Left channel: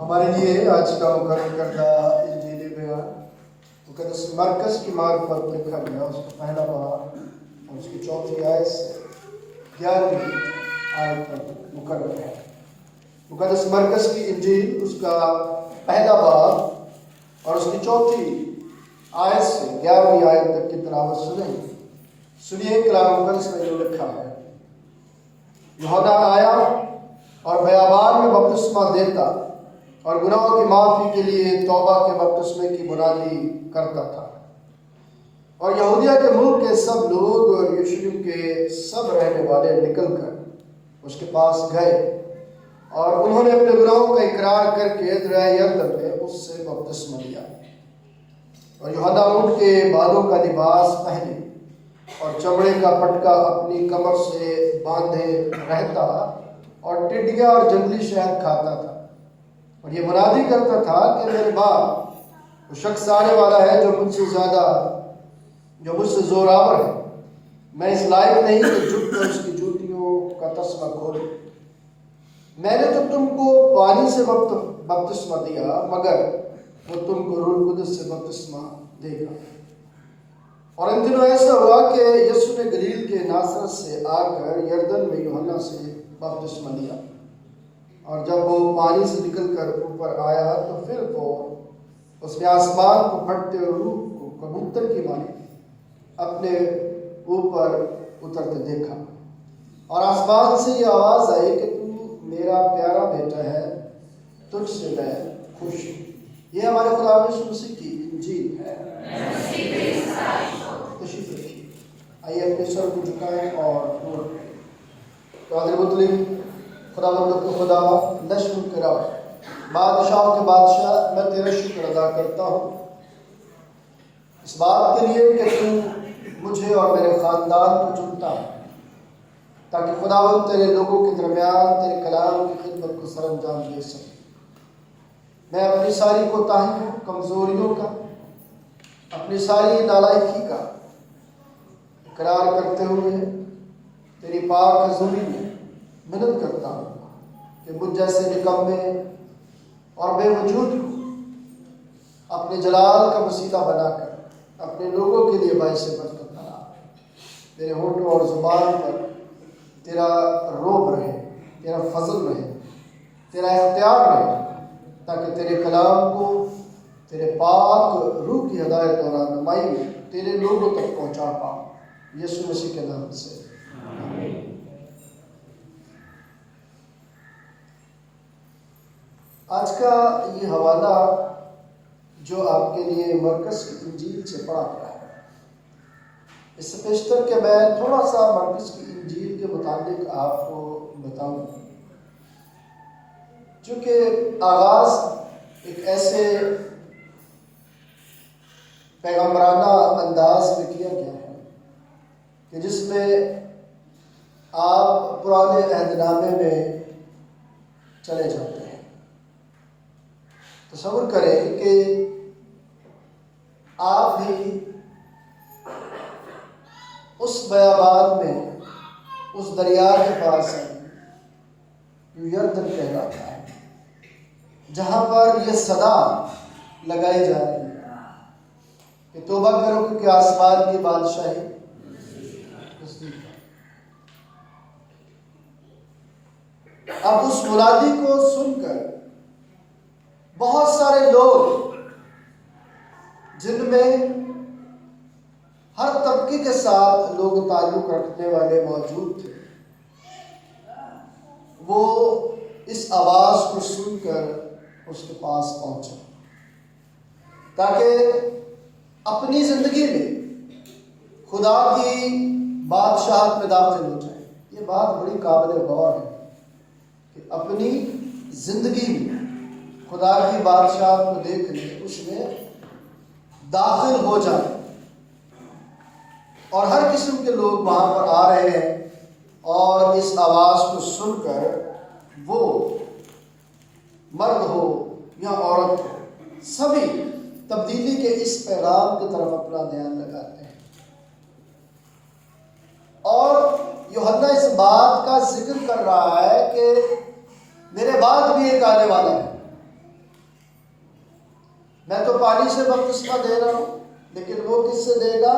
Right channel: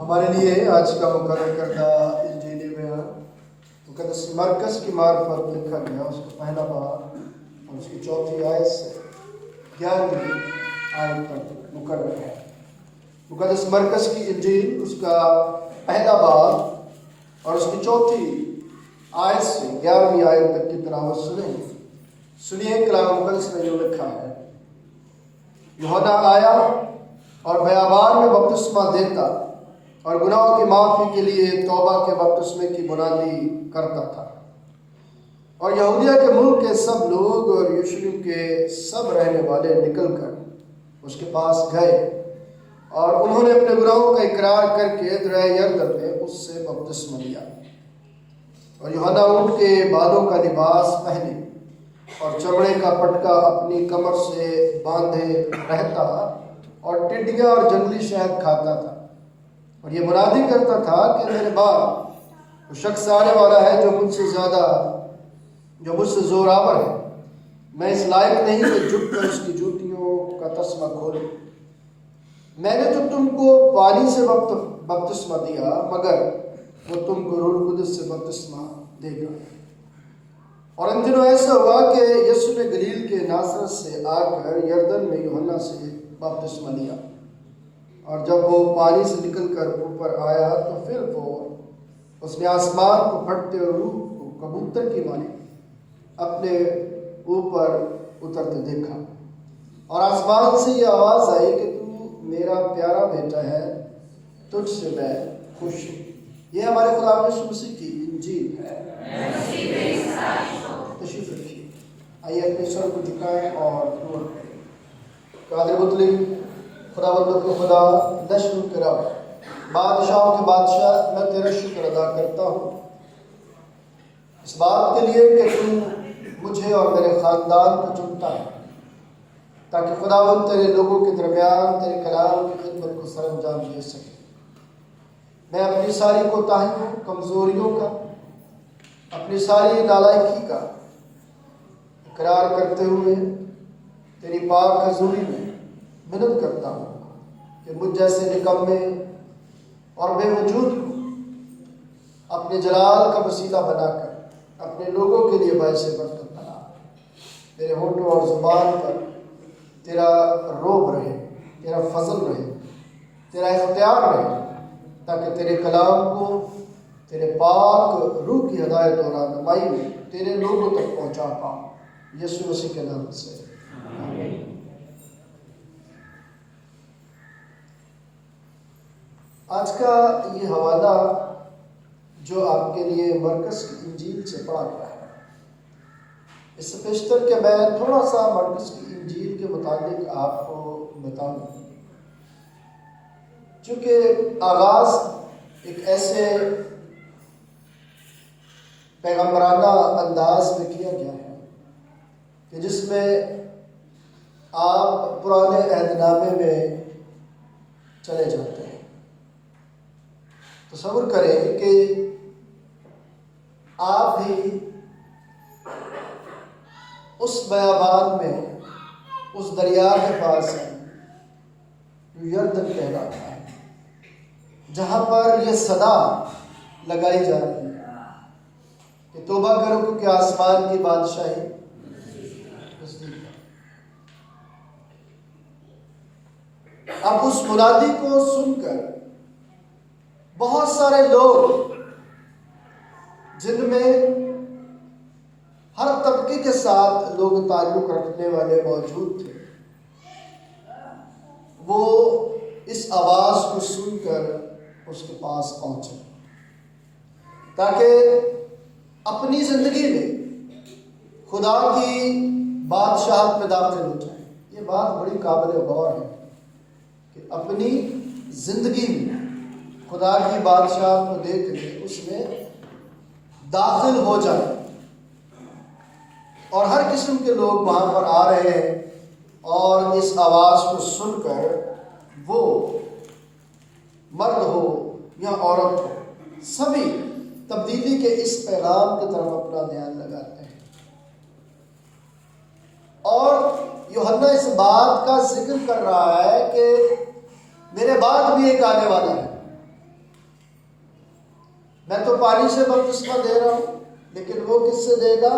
ہمارے لیے آج کا مقرر کردہ انجیلی بیان مقدس مرکز کی معرفت لکھا گیا، اس کا پہلا باب اور اس کی چوتھی آیت سے 11ویں آیت تک مقرر ہے۔ مقدس مرکز کی انجیل اس کا پہلا باب اور اس کی چوتھی آیت سے 11ویں آیت تک کی تلاوت سنیے کلام مقدس میں جو لکھا ہے۔ یوحنا آیا اور بیابان میں بپتسمہ دیتا اور گناہوں کی معافی کے لیے توبہ کے بپتسمے کی منادی کرتا تھا، اور یہودیہ کے ملک کے سب لوگ اور یروشلم کے سب رہنے والے نکل کر اس کے پاس گئے، اور انہوں نے اپنے گناہوں کا اقرار کر کے دریا یردن میں اس سے بپتسمہ لیا۔ اور یوحنا ان کے بالوں کا لباس پہنے اور چمڑے کا پٹکا اپنی کمر سے باندھے رہتا اور ٹڈیاں اور جنگلی شہد کھاتا تھا، اور یہ منادی کرتا تھا کہ میرے بعد وہ شخص آنے والا ہے جو مجھ سے زور آور ہے، میں اس لائق نہیں کہ جھک کر اس کی جوتیوں کا تسمہ کھولوں۔ میں نے تو تم کو پانی سے بپتسمہ دیا، مگر وہ تم کو روح القدس سے بپتسمہ دے گا۔ اور ان دنوں ایسا ہوا کہ یسوع نے گلیل کے ناصرت سے آ کر یردن میں یوحنا سے بپتسمہ لیا، اور جب وہ پانی سے نکل کر اوپر آیا تو پھر وہ اس نے آسمان کو پھٹتے اور روح کو کبوتر کی مانند اپنے اوپر اترتے دیکھا، اور آسمان سے یہ آواز آئی کہ تو میرا پیارا بیٹا ہے، تجھ سے میں خوش ہوں۔ یہ ہمارے خدا یسوع مسیح کی انجیل ہے۔ تشریف رکھیے، آئیے اپنے سر کو جھکائیں اور دعا کریں۔ قادر مطلق خداوند کو خدا، نشر کرام، بادشاہوں کے بادشاہ، میں تیرا شکر ادا کرتا ہوں اس بات کے لیے کہ تو مجھے اور میرے خاندان کو چنتا ہے تاکہ خداوند تیرے لوگوں کے درمیان تیرے کلام کی خدمت کو سر انجام دے سکے۔ میں اپنی ساری کوتاہیوں، کمزوریوں کا، اپنی ساری نالائکی کا اقرار کرتے ہوئے تیری پاک حضوری میں منت کرتا ہوں کہ مجھ جیسے نکمے اور بے وجود کو اپنے جلال کا وسیلہ بنا کر اپنے لوگوں کے لیے باعث برکت بنا۔ میرے ہونٹوں اور زبان پر تیرا روب رہے، تیرا فضل رہے، تیرا اختیار رہے، تاکہ تیرے کلام کو تیرے پاک روح کی ہدایت اور رہنمائی میں تیرے لوگوں تک پہنچا پاؤں۔ یسوع مسیح کے نام سے آمین۔ آج کا یہ حوالہ جو آپ کے لیے مرکز کی انجیل سے پڑھا گیا ہے، اس سے پیشتر کہ میں تھوڑا سا مرکز کی انجیل کے متعلق آپ کو بتاؤں، چونکہ آغاز ایک ایسے پیغمبرانہ انداز میں کیا گیا ہے کہ جس میں آپ پرانے عہد نامے میں چلے جاتے ہیں۔ تصور کریں کہ آپ بھی اس بیابان میں، اس دریا کے پاس ہیں جو یردن کہلاتا ہے، جہاں پر یہ صدا لگائی جا رہی ہے کہ توبہ کرو کیونکہ آسمان کی بادشاہی نزدیک ہے۔ اب اس منادی کو سن کر بہت سارے لوگ، جن میں ہر طبقے کے ساتھ لوگ تعلق رکھنے والے موجود تھے، وہ اس آواز کو سن کر اس کے پاس پہنچے تاکہ اپنی زندگی میں خدا کی بادشاہت میں داخل ہو جائے۔ یہ بات بڑی قابل غور ہے کہ اپنی زندگی میں خدا کی بادشاہت کو دیکھ لیں، اس میں داخل ہو جائے، اور ہر قسم کے لوگ وہاں پر آ رہے ہیں، اور اس آواز کو سن کر وہ مرد ہو یا عورت ہو، سبھی تبدیلی کے اس پیغام کی طرف اپنا دھیان لگاتے ہیں۔ اور یوحنا اس بات کا ذکر کر رہا ہے کہ میرے بعد بھی ایک آنے والا ہے میں تو پانی سے بپتسمہ دے رہا ہوں، لیکن وہ کس سے دے گا؟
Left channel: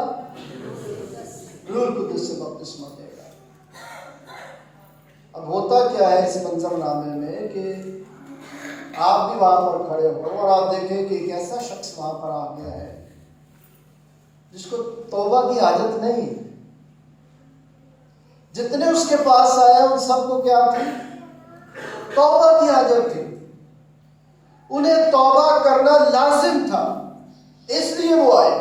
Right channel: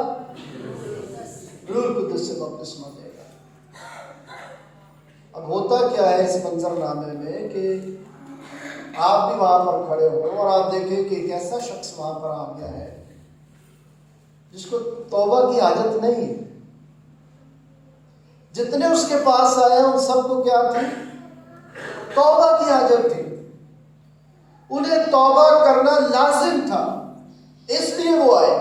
روح القدس سے بپتسمہ دے گا۔ اب ہوتا کیا ہے اس منظر نامے میں کہ آپ بھی وہاں پر کھڑے ہو اور آپ دیکھیں کہ ایک ایسا شخص وہاں پر آ گیا ہے جس کو توبہ کی عادت نہیں۔ جتنے اس کے پاس آئے ان سب کو کیا تھی؟ توبہ کی عادت تھی، انہیں توبہ کرنا لازم تھا، اس لیے وہ آئے۔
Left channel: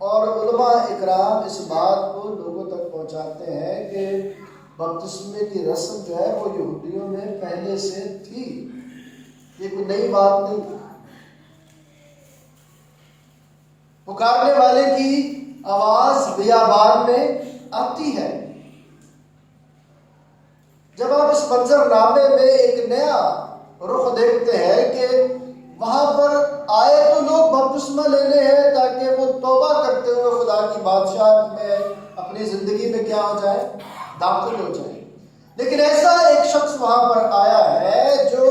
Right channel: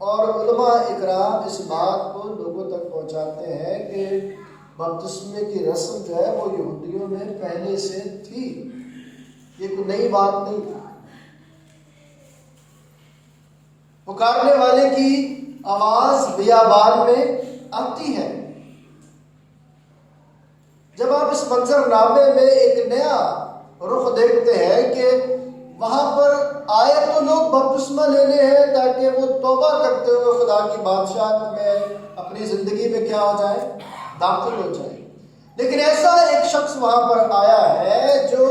اور علماء اکرام اس بات کو لوگوں تک پہنچاتے ہیں کہ بپتسمے کی رسم جو ہے وہ یہودیوں میں پہلے سے تھی، یہ کوئی نئی بات نہیں۔ پکارنے والے کی آواز بیابان میں آتی ہے۔ جب آپ اس منظر نامے میں ایک نیا رخ دیکھتے ہیں کہ وہاں پر آئے تو لوگ بپتسمہ لینے ہیں تاکہ وہ توبہ کرتے ہوئے خدا کی بادشاہت میں اپنی زندگی میں کیا ہو جائے؟ داخل ہو جائے۔ لیکن ایسا ایک شخص وہاں پر آیا ہے جو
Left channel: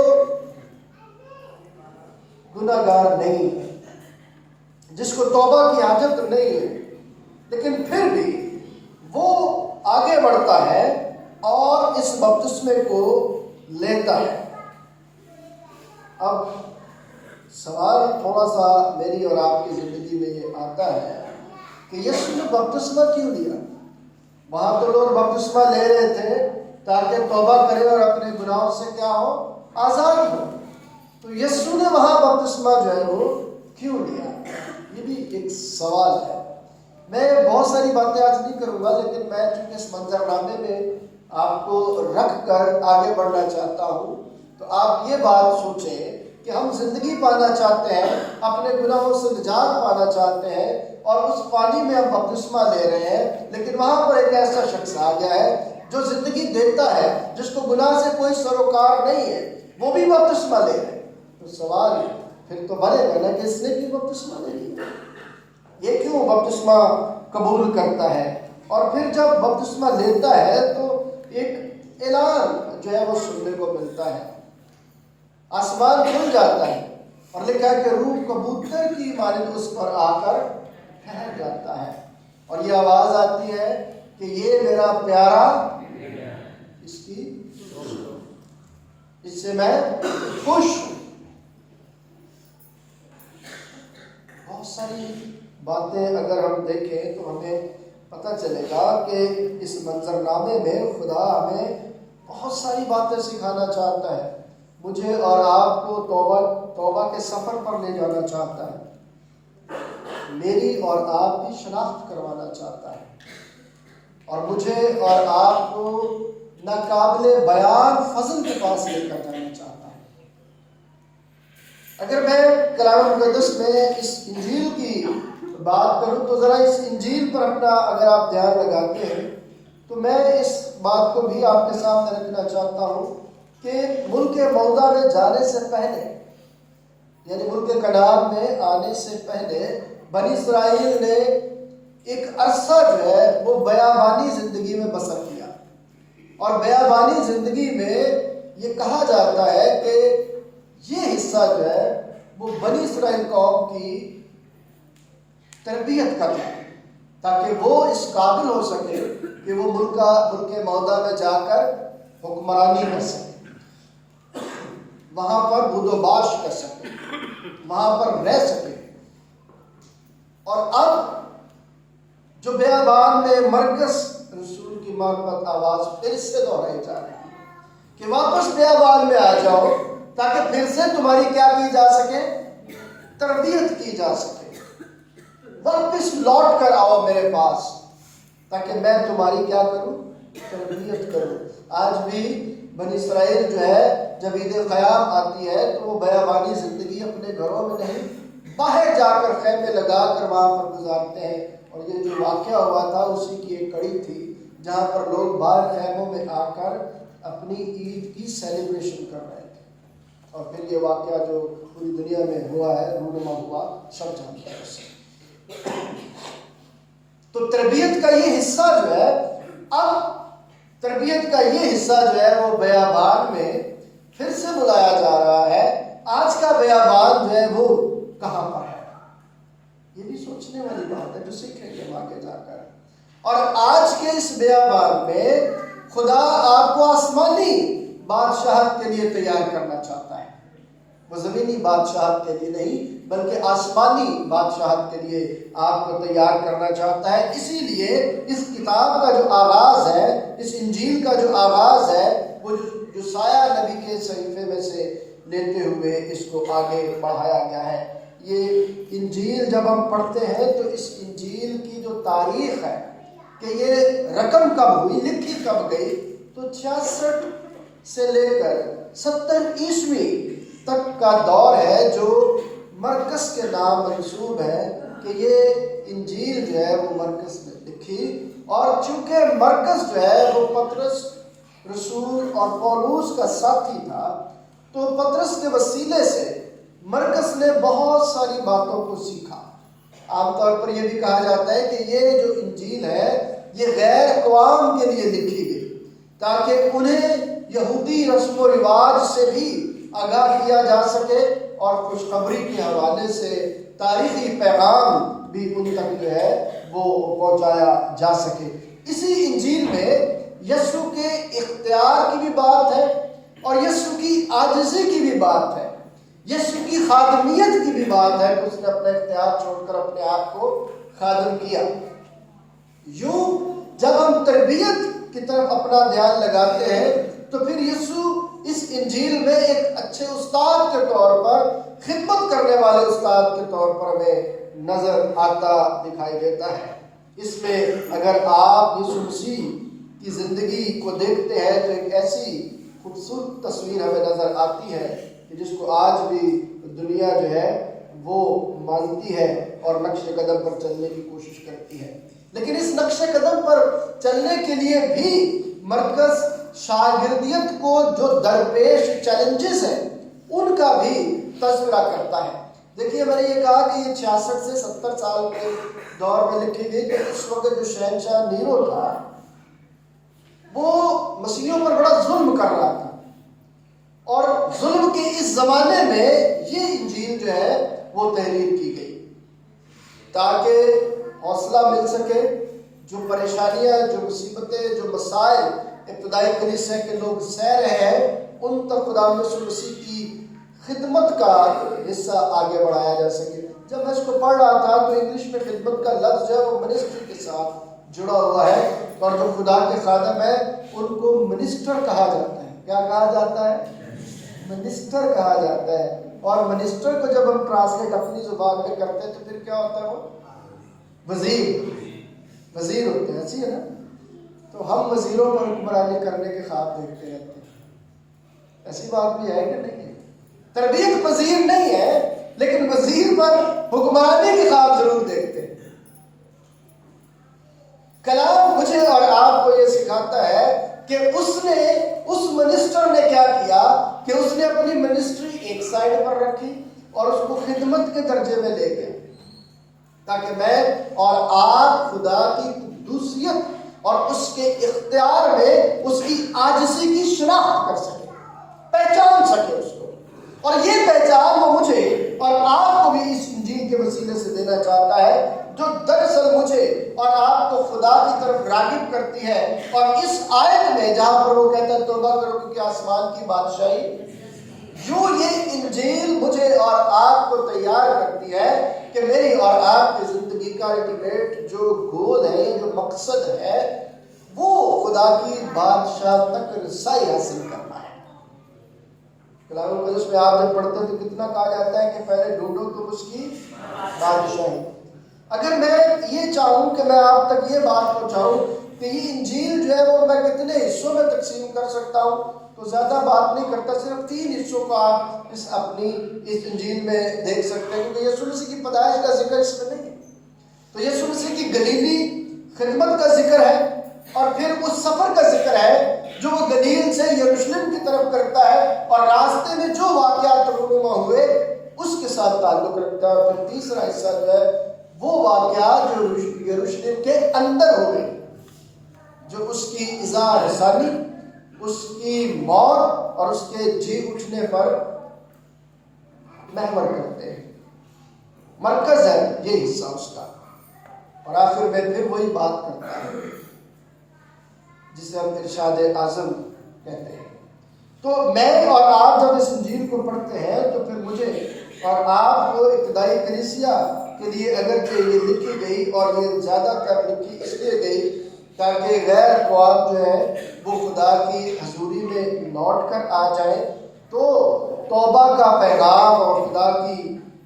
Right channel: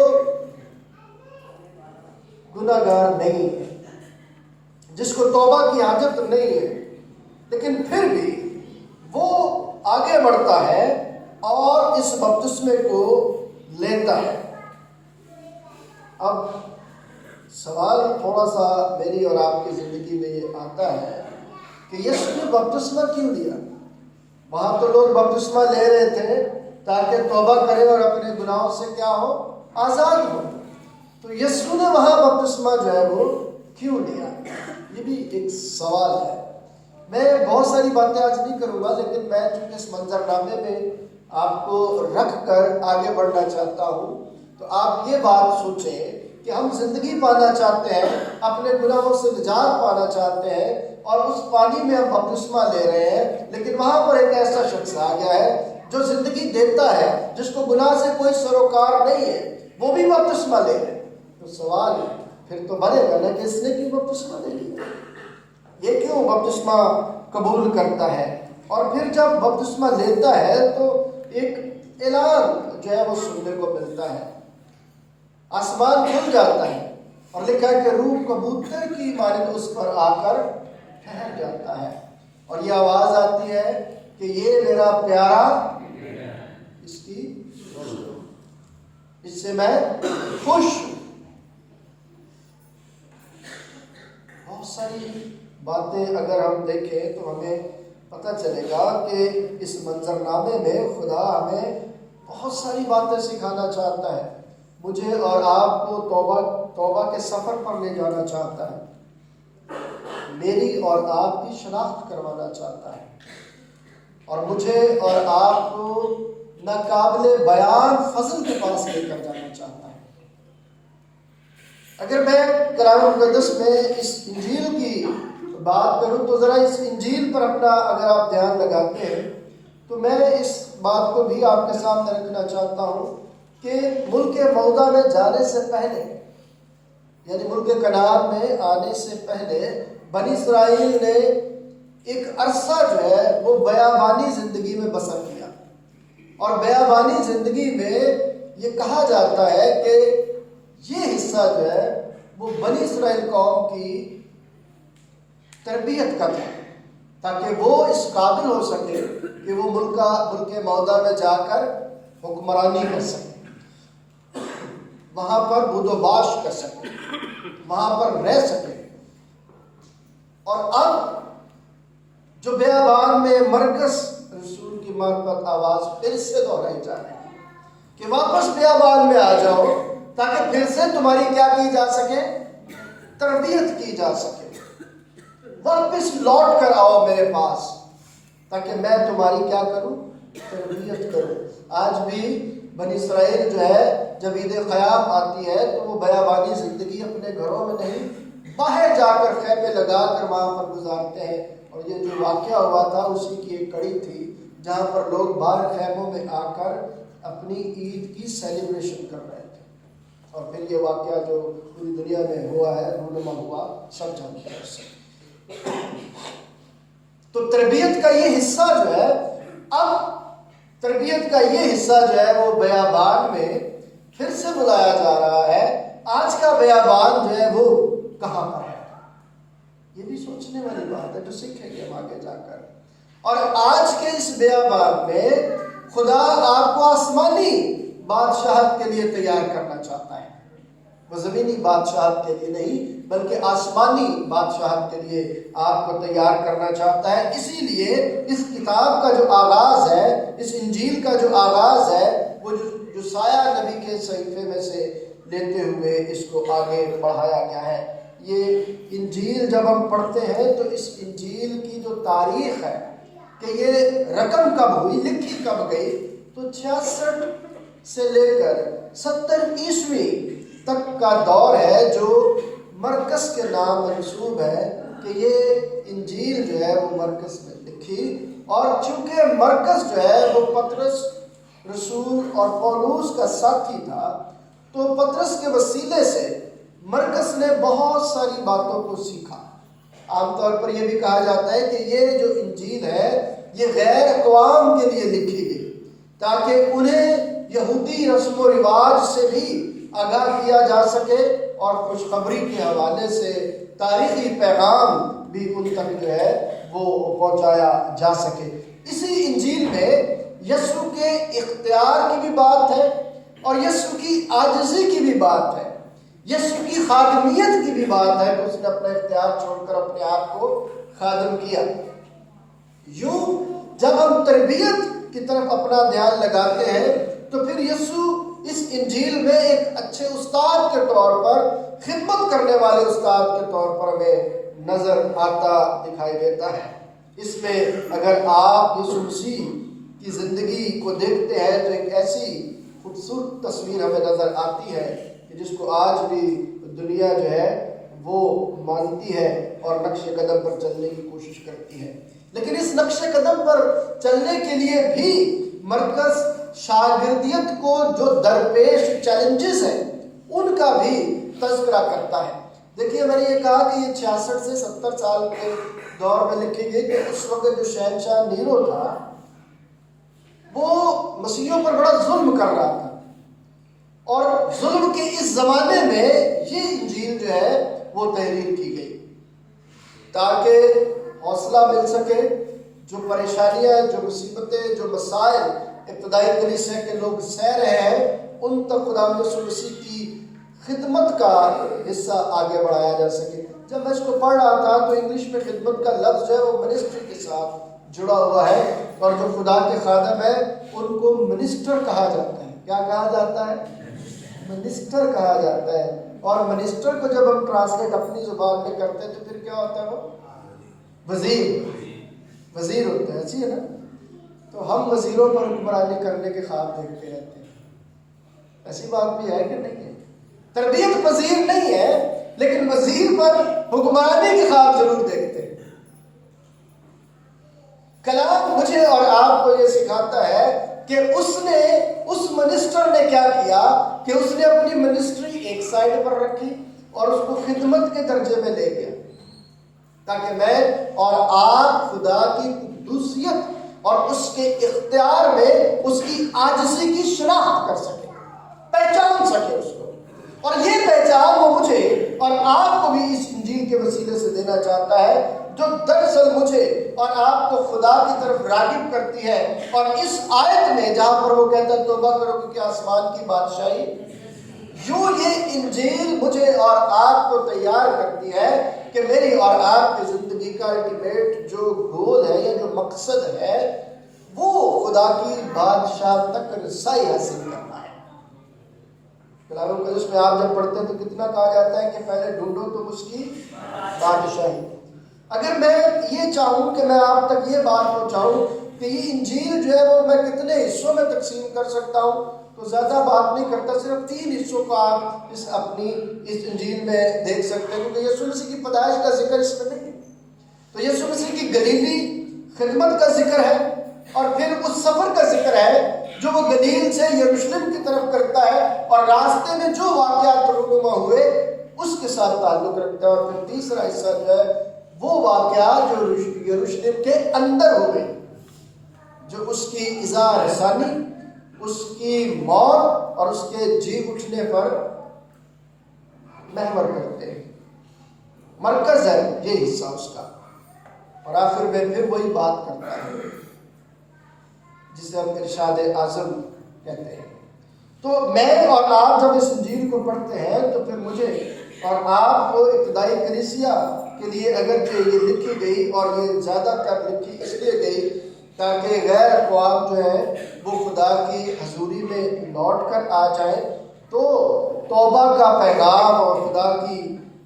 گناہ گار نہیں ہے، جس کو توبہ کی حاجت نہیں ہے، لیکن پھر بھی وہ آگے بڑھتا ہے اور اس بپتسمے کو لیتا ہے۔ اب سوال تھوڑا سا میری اور آپ کی زندگی میں یہ آتا ہے کہ یسوع نے بپتسمہ کیوں لیا؟ وہاں تو لوگ بپتسمہ لے رہے تھے تاکہ توبہ کرے اور اپنے گناہوں سے کیا ہو؟ آزاد ہو۔ تو یسوع نے وہاں بپتسمہ جو ہے وہ کیوں لیا؟ یہ بھی ایک سوال ہے۔ میں بہت ساری باتیں آج نہیں کروں گا، لیکن میں چونکہ اس منظر نامے میں آپ کو رکھ کر آگے بڑھنا چاہتا ہوں، تو آپ یہ بات سوچیں کہ ہم زندگی پانا چاہتے ہیں، اپنے گناہوں سے نجات پانا چاہتے ہیں، اور اس پانی میں ہم بپتسمہ لے رہے ہیں، لیکن وہاں پر ایک ایسا شخص آ گیا ہے جو زندگی دیتا ہے، جس کو گناہ سے کوئی سروکار نہیں ہے، وہ بھی بپتسمہ لے رہے۔ تو سوال ہے پھر تو بنے گا نا کہ اس نے بھی بپتسمہ لے لیا، یہ کیوں بپتسمہ قبول کرتا ہے؟ اور پھر جب بپتسمہ لیتا ہے تو ایک اعلان جو ہے وہ سننے کو ملتا ہے، آسمان کھل جاتا ہے اور لکھا ہے کہ روح کبوتر کی مانند اس پر آ کر ٹھہر جاتا ہے، اور یہ آواز آتی ہے کہ یہ میرا پیارا، اس کی اس سے میں خوش ہوں۔ بہت ساری باتیں اگر ہم دیکھیں تو ہمیں پتہ چلے گا کہ اس منظر نامے میں خدا ہمیں بہت ساری باتیں سکھانا چاہتا ہے، مجھے اور آپ کو توبہ کے سفر پر لے جانا چاہتا ہے، میری اور آپ کی شناخت کروانا چاہتا ہے، اور مجھے اور آپ کو ناقابل بیان فضل کے پاس لے کر جانا چاہتا ہے۔ اگر میں کلام مقدس میں اس انجیل کی بات کروں تو ذرا اس انجیل پر اپنا اگر آپ دھیان لگاتے ہیں تو میں اس بات کو بھی آپ کے سامنے رکھنا چاہتا ہوں کہ ملک موعودہ میں جانے سے پہلے، یعنی ملک کنعان میں آنے سے پہلے، بنی اسرائیل نے ایک عرصہ جو ہے وہ بیابانی زندگی میں بسر کیا، اور بیابانی زندگی میں یہ کہا جاتا ہے کہ یہ حصہ جو ہے وہ بنی اسرائیل قوم کی تربیت کا تھا، تاکہ وہ اس قابل ہو سکے کہ وہ ملک موعودہ میں جا کر حکمرانی کر سکے، وہاں پر بود و باش کر سکے، وہاں پر رہ سکے۔ اور اب جو بیابان میں مرکز رسول کی معرفت آواز پھر سے دہرائی جا رہی ہے کہ واپس بیابان میں آ جاؤ تاکہ پھر سے تمہاری کیا کی جا سکے؟ تربیت کی جا سکے۔ واپس لوٹ کر آؤ میرے پاس تاکہ میں تمہاری کیا کروں؟ تربیت کروں۔ آج بھی بنی اسرائیل جو ہے جب عید خیام آتی ہے تو وہ بیابانی زندگی اپنے گھروں میں نہیں، باہر جا کر خیمے لگا کر وہاں پر گزارتے ہیں، اور یہ جو واقعہ ہوا تھا اسی کی ایک کڑی تھی جہاں پر لوگ باہر خیموں میں آ کر اپنی عید کی سیلیبریشن کر رہے تھے، اور پھر یہ واقعہ جو پوری دنیا میں ہوا ہے، رونما ہوا، سب جانتے ہیں اسے۔ تو تربیت کا یہ حصہ جو ہے، اب تربیت کا یہ حصہ جو ہے وہ بیابان میں پھر سے بلایا جا رہا ہے۔ آج کا بیابان جو ہے وہ کہاں پر ہے؟ یہ بھی سوچنے والی بات ہے جو سیکھیں گے آگے جا کر۔ اور آج کے اس بیابان میں خدا آپ کو آسمانی بادشاہت کے لیے تیار کرنا چاہتا ہے، وہ زمینی بادشاہت کے لیے نہیں بلکہ آسمانی بادشاہت کے لیے آپ کو تیار کرنا چاہتا ہے۔ اسی لیے اس کتاب کا جو آغاز ہے، اس انجیل کا جو آغاز ہے، وہ جو سایہ نبی کے صحیفے میں سے لیتے ہوئے اس کو آگے بڑھایا گیا ہے۔ یہ انجیل جب ہم پڑھتے ہیں تو اس انجیل کی جو تاریخ ہے کہ یہ رقم کب ہوئی، لکھی کب گئی، تو 66 سے لے کر 70 عیسوی تک کا دور ہے جو مرقس کے نام منسوب ہے کہ یہ انجیل جو ہے وہ مرقس نے لکھی۔ اور چونکہ مرقس جو ہے وہ پطرس رسول اور پولوس کا ساتھی تھا، تو پطرس کے وسیلے سے مرقس نے بہت ساری باتوں کو سیکھا۔ عام طور پر یہ بھی کہا جاتا ہے کہ یہ جو انجیل ہے یہ غیر اقوام کے لیے لکھی گئی تاکہ انہیں یہودی رسم و رواج سے بھی آگاہ کیا جا سکے اور خوشخبری کے حوالے سے تاریخی پیغام بھی ان تک جو ہے وہ پہنچایا جا سکے۔ اسی انجیل میں یسوع کے اختیار کی بھی بات ہے اور یسوع کی عاجزی کی بھی بات ہے، یسوع کی خادمیت کی بھی بات ہے کہ اس نے اپنا اختیار چھوڑ کر اپنے آپ کو خادم کیا۔ یوں جب ہم تربیت کی طرف اپنا دھیان لگاتے ہیں تو پھر یسوع اس انجیل میں ایک اچھے استاد کے طور پر، خدمت کرنے والے استاد کے طور پر ہمیں نظر آتا دکھائی دیتا ہے۔ اس میں اگر آپ یسوع مسیح کی زندگی کو دیکھتے ہیں تو ایک ایسی خوبصورت تصویر ہمیں نظر آتی ہے کہ جس کو آج بھی دنیا جو ہے وہ مانتی ہے اور نقش قدم پر چلنے کی کوشش کرتی ہے۔ لیکن اس نقش قدم پر چلنے کے لیے بھی مرکز شاگردیت کو جو درپیش چیلنجز ہیں ان کا بھی تذکرہ کرتا ہے۔ دیکھیے میں نے یہ کہا کہ یہ 66 سے 70 سال کے دور میں لکھی گئی کہ اس وقت جو شہنشاہ نیرو تھا وہ مسیحیوں پر بڑا ظلم کر رہا تھا، اور ظلم کے اس زمانے میں یہ انجیل جو ہے وہ تحریر کی گئی تاکہ حوصلہ مل سکے۔ جو پریشانیاں، جو مصیبتیں، جو مسائل ابتدائی کلیسیا کے لوگ سہ رہے ہیں ان تک خدا یسوع مسیح کی خدمت کا حصہ آگے بڑھایا جا سکے۔ جب میں اس کو پڑھ رہا تھا تو انگلش میں خدمت کا لفظ ہے وہ منسٹری کے ساتھ جڑا ہوا ہے، اور جو خدا کے خادم ہیں ان کو منسٹر کہا جاتا ہے۔ کیا کہا جاتا ہے؟ منسٹر کہا جاتا ہے۔ اور منسٹر کو جب ہم ٹرانسلیٹ اپنی زبان میں کرتے ہیں تو پھر کیا ہوتا ہے؟ وہ وزیر ہوتے ہیں، ایسی ہے نا؟ تو ہم وزیروں پر حکمرانی کرنے کے خواب دیکھتے رہتے ہیں، ایسی بات بھی ہے کہ نہیں ہے؟ تربیت پذیر نہیں ہے لیکن وزیر پر حکمرانی کے خواب ضرور دیکھتے ہیں۔ کلام مجھے اور آپ کو یہ سکھاتا ہے کہ اس منسٹر نے کیا کیا کہ اس نے اپنی منسٹری ایک سائڈ پر رکھی اور اس کو خدمت کے درجے میں لے گیا تاکہ میں اور آپ خدا کی قدوسیت اور اس کے اختیار میں اس کی عاجزی کی شناخت کر سکے، پہچان سکے اس کو۔ اور یہ پہچان وہ مجھے اور آپ کو بھی اس انجیل کے وسیلے سے دینا چاہتا ہے جو دراصل مجھے اور آپ کو خدا کی طرف راغب کرتی ہے۔ اور اس آیت میں جہاں پر وہ کہتا ہے توبہ کرو کیونکہ آسمان کی بادشاہی، یوں یہ انجیل مجھے اور آپ کو تیار کرتی ہے کہ میری اور آپ کی زندگی کا الٹیمیٹ جو گول ہے یا جو مقصد ہے وہ خدا کی بادشاہ تک رسائی حاصل کرنا ہے۔ کلام مقدس میں آپ جب پڑھتے ہیں تو کتنا کہا جاتا ہے کہ پہلے ڈھونڈو تو اس کی بادشاہی۔ اگر میں یہ چاہوں کہ میں آپ تک یہ بات پہنچاؤں کہ یہ انجیل جو ہے وہ میں کتنے حصوں میں تقسیم کر سکتا ہوں تو زیادہ بات نہیں کرتا، صرف 3 حصوں کا آپ اس انجیل میں دیکھ سکتے ہیں، کیونکہ یسوع مسیح کی پیدائش کا ذکر اس میں نہیں، تو یسوع مسیح کی گلیلی خدمت کا ذکر ہے اور پھر اس سفر کا ذکر ہے جو وہ گلیل سے یروشلم کی طرف کرتا ہے اور راستے میں جو واقعات رونما ہوئے اس کے ساتھ تعلق رکھتا ہے، اور پھر تیسرا حصہ جو ہے وہ واقعات جو یروشلم کے اندر ہو گئے، جو اس کی اظہار ثانی، اس کی موت اور اس کے جی اٹھنے پر محور کرتے ہیں، مرکز ہے یہ حصہ اس کا، اور آخر میں پھر وہی بات کرتا ہے جسے ہم ارشاد اعظم کہتے ہیں۔ تو میں اور آپ جب اس انجیل کو پڑھتے ہیں تو پھر مجھے اور آپ کو ابتدائی کلیسیا کے لیے اگرچہ یہ لکھی گئی، اور یہ زیادہ تر لکھی اس لیے گئی تاکہ غیر اقوام جو ہے وہ خدا کی حضوری میں لوٹ کر آ جائیں، تو توبہ کا پیغام اور خدا کی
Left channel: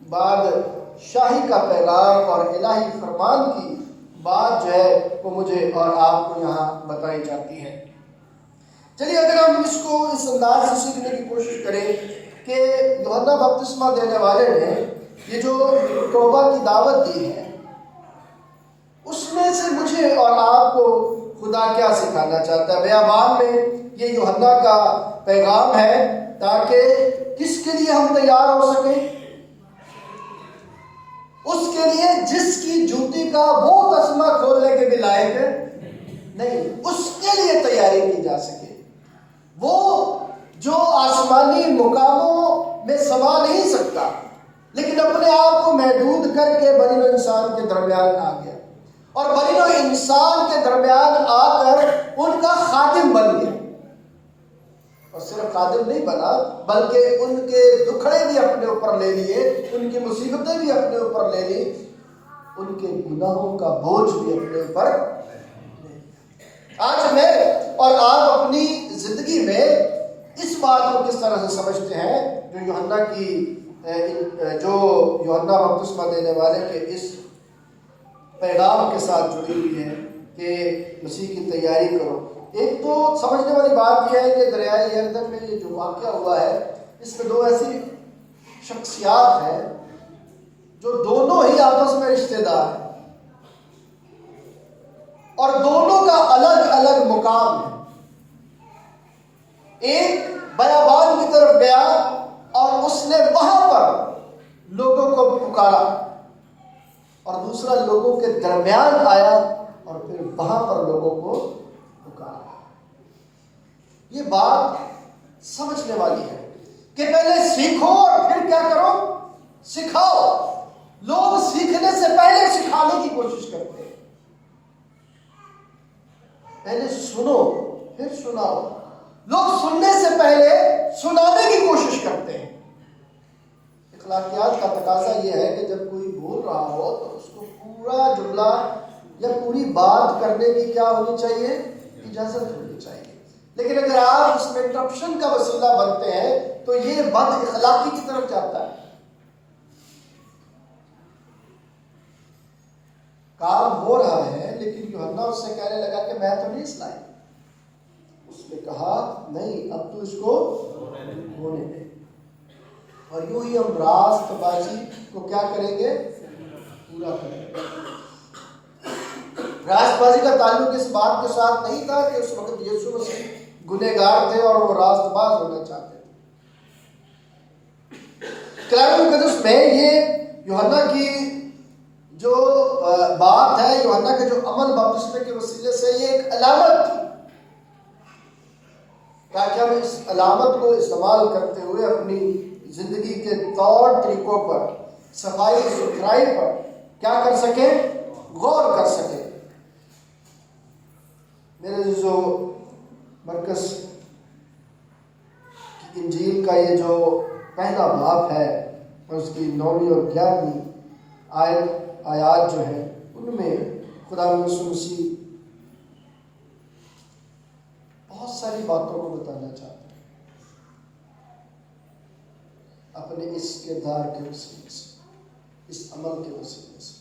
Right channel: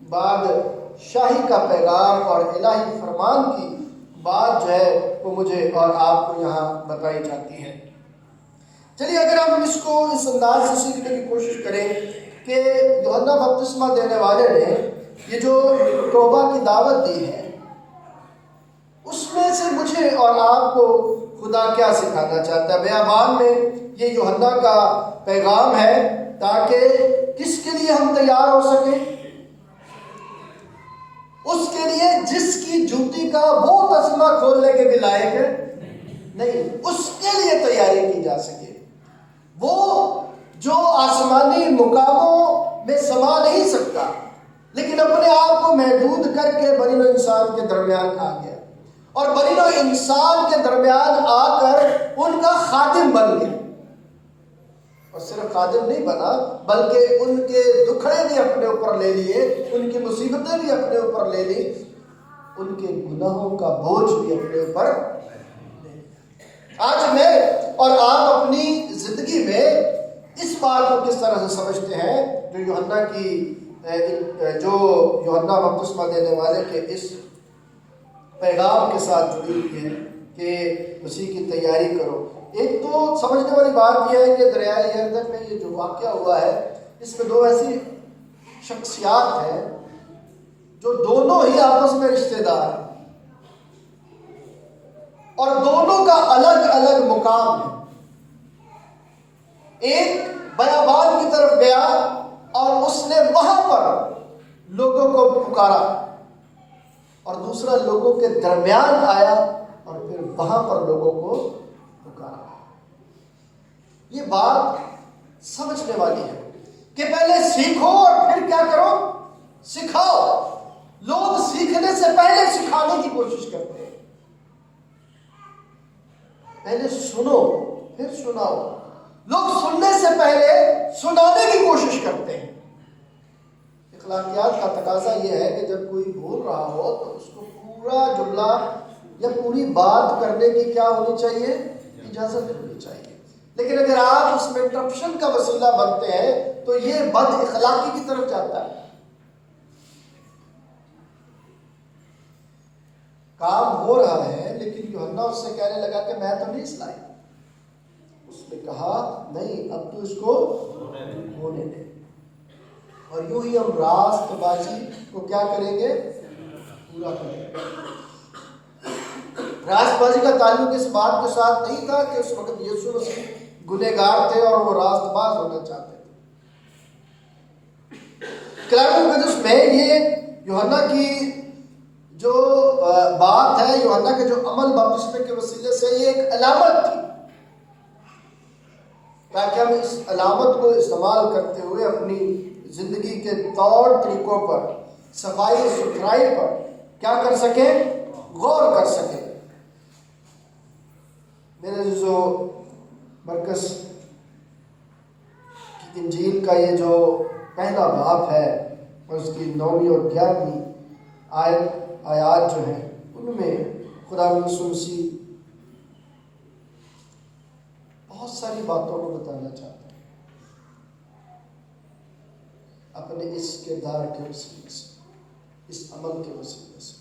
بادشاہی کا پیغام اور الہی فرمان کی بات جو ہے وہ مجھے اور آپ کو یہاں بتائی جاتی ہے۔ چلیے اگر ہم اس کو اس انداز سے سیکھنے کی کوشش کریں کہ یوحنا بپتسمہ دینے والے نے یہ جو توبہ کی دعوت دی ہے، اس میں سے مجھے اور آپ کو خدا کیا سکھانا چاہتا ہے؟ بیابان میں یہ یوحنا کا پیغام ہے تاکہ کس کے لیے ہم تیار ہو سکیں؟ اس کے لیے جس کی جوتی کا وہ تسمہ کھولنے کے بھی لائق نہیں، اس کے لیے تیاری کی جا سکے، وہ جو آسمانی مقاموں میں سما نہیں سکتا لیکن اپنے آپ کو محدود کر کے بنی نوع انسان کے درمیان آ گیا، اور بنی نوع انسان کے درمیان آ کر ان کا خادم بن گیا، اور صرف خادم نہیں بنا بلکہ ان کے دکھڑے بھی اپنے اوپر لے لیے، ان کی مصیبتیں بھی اپنے اوپر لے لی، ان کے گناہوں کا بوجھ بھی اپنے اوپر لے لیا۔ آج میں اور آپ اپنی زندگی میں اس بات کو کس طرح سے سمجھتے ہیں جو یوحنا بپتسمہ دینے والے کے اس پیغام کے ساتھ جڑی ہوئی ہے کہ مسیح کی تیاری کرو؟ ایک تو سمجھنے والی بات یہ ہے کہ دریائے یردن میں یہ جو واقعہ ہوا ہے، اس میں دو ایسی شخصیات ہیں جو دونوں ہی آپس میں رشتہ دار ہیں، اور دونوں کا الگ الگ مقام ہے۔ ایک بیابان کی طرف گیا اور اس نے وہاں پر لوگوں کو پکارا، اور دوسرا لوگوں کے درمیان آیا اور پھر وہاں پر لوگوں کو پکارا۔ یہ بات سمجھنے والی ہے کہ پہلے سیکھو اور پھر کیا کرو؟ سکھاؤ۔ لوگ سیکھنے سے پہلے سکھانے کی کوشش کرتے ہیں، پہلے سنو پھر سناؤ۔ لوگ سننے سے پہلے سنانے کی کوشش کرتے ہیں۔ اخلاقیات کا تقاضا یہ ہے کہ جب کوئی بول رہا ہو تو اس کو پورا جملہ یا پوری بات کرنے کی کیا ہونی چاہیے؟ اجازت ہونی چاہیے۔ لیکن اگر آپ اس میں انٹرپشن کا وسیلہ بنتے ہیں تو یہ بد اخلاقی کی طرف جاتا ہے۔ کام ہو رہا ہے لیکن یوحنا اس سے کہنے لگا کہ میں تو نہیں اس لائق۔ اس نے کہا نہیں، اب تو اس کو ہونے دے، اور یوں ہی ہم راست بازی کو کیا کریں گے؟ پورا کریں گے۔ راست بازی کا تعلق اس بات کے ساتھ نہیں تھا کہ اس وقت یسوع مسیح گنہگار تھے اور وہ راست باز ہونا چاہتے تھے۔ کلام مقدس میں یہ یوحنا کی جو بات ہے، یوحنا کے جو عمل بپتسمے کے وسیلے سے یہ ایک علامت تھی، تاکہ ہم اس علامت کو استعمال کرتے ہوئے اپنی زندگی کے طور طریقوں پر، صفائی ستھرائی پر کیا کر سکیں؟ غور کر سکیں۔ میرے جو مرکز کی انجیل کا یہ جو پہلا باب ہے اور اس کی 9ویں اور 11ویں آیات جو ہیں، ان میں خدا یسوع مسیح بہت ساری باتوں کو بتانا چاہتا ہے اپنے اس کردار کے وسیلے سے، اس عمل کے وسیلے سے۔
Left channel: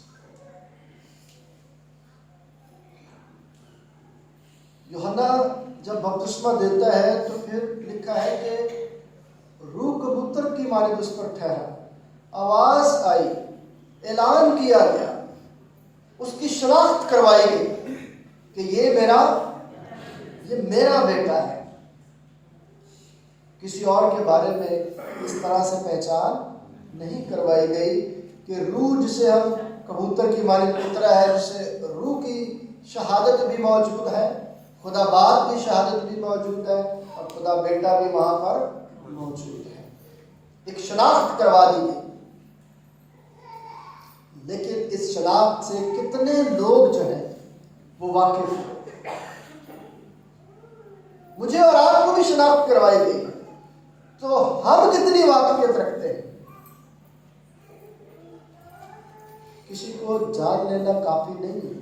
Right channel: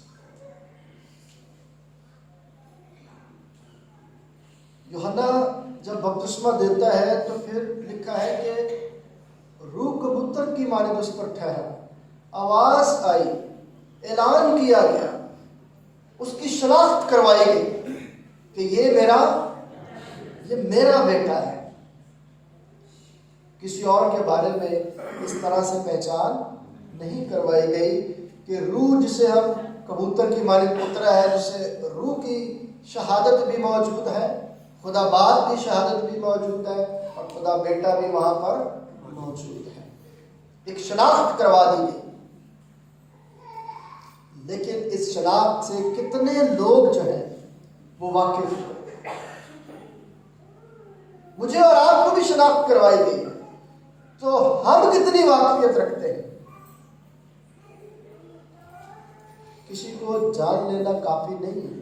یوحنا جب بپتسمہ دیتا ہے تو پھر لکھا ہے کہ روح کبوتر کی مانند اس پر ٹھہرا، آواز آئی، اعلان کیا گیا، اس کی شناخت کروائی گئی کہ یہ میرا بیٹا ہے۔ کسی اور کے بارے میں اس طرح سے پہچان نہیں کروائی گئی کہ روح جسے ہم کبوتر کی مانند اترا ہے، جسے روح کی شہادت بھی موجود ہے، خدا باپ کی شہادت بھی موجود ہے، اور خدا بیٹا بھی وہاں پر موجود ہے۔ ایک شناخت کروا دی گئی، لیکن اس شناخت سے کتنے لوگ جو ہیں وہ واقف ہیں؟ مجھے اور آپ کو بھی شناخت کروائی گئی، تو ہم کتنی واقفیت رکھتے ہیں؟ کسی کو جان لینا کافی نہیں ہے،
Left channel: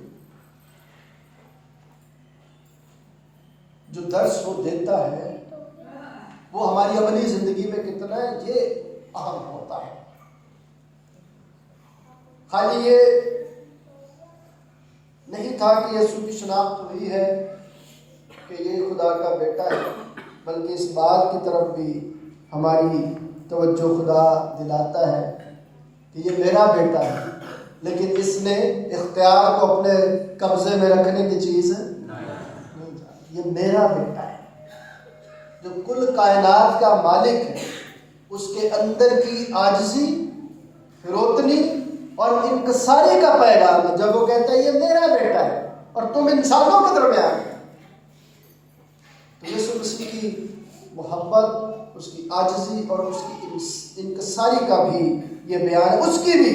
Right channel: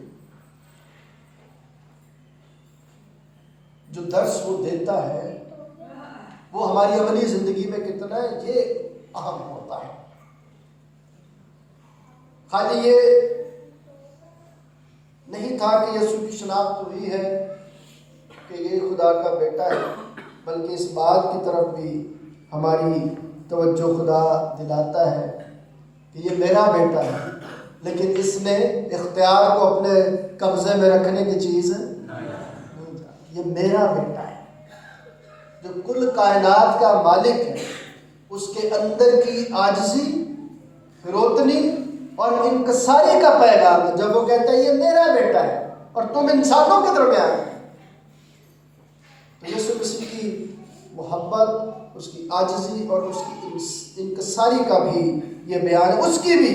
جو درس وہ دیتا ہے وہ ہماری عملی زندگی میں کتنا ہے یہ اہم ہوتا ہے۔ خالی یہ نہیں تھا کہ یسوع کی شناخت ہوئی ہے کہ یہ خدا کا بیٹا ہے، بلکہ اس بات کی طرف بھی ہماری توجہ خدا دلاتا ہے کہ یہ میرا بیٹا ہے، لیکن اس نے اختیار کو اپنے قبضے میں رکھنے کی چیز نہیں، یہ میرا بیٹا ہے جو کل کائنات کا مالک ہے۔ اس کے اندر کی عاجزی، فروتنی اور انکساری کا پیغام ہے جب وہ کہتا ہے یہ میرا بیٹا ہے اور تم انسانوں کے درمیان ہے۔ تو یسوع مسیح کی محبت، اس کی عاجزی اور اس کی انکساری کا بھی یہ بیان ہے، اس کی بھی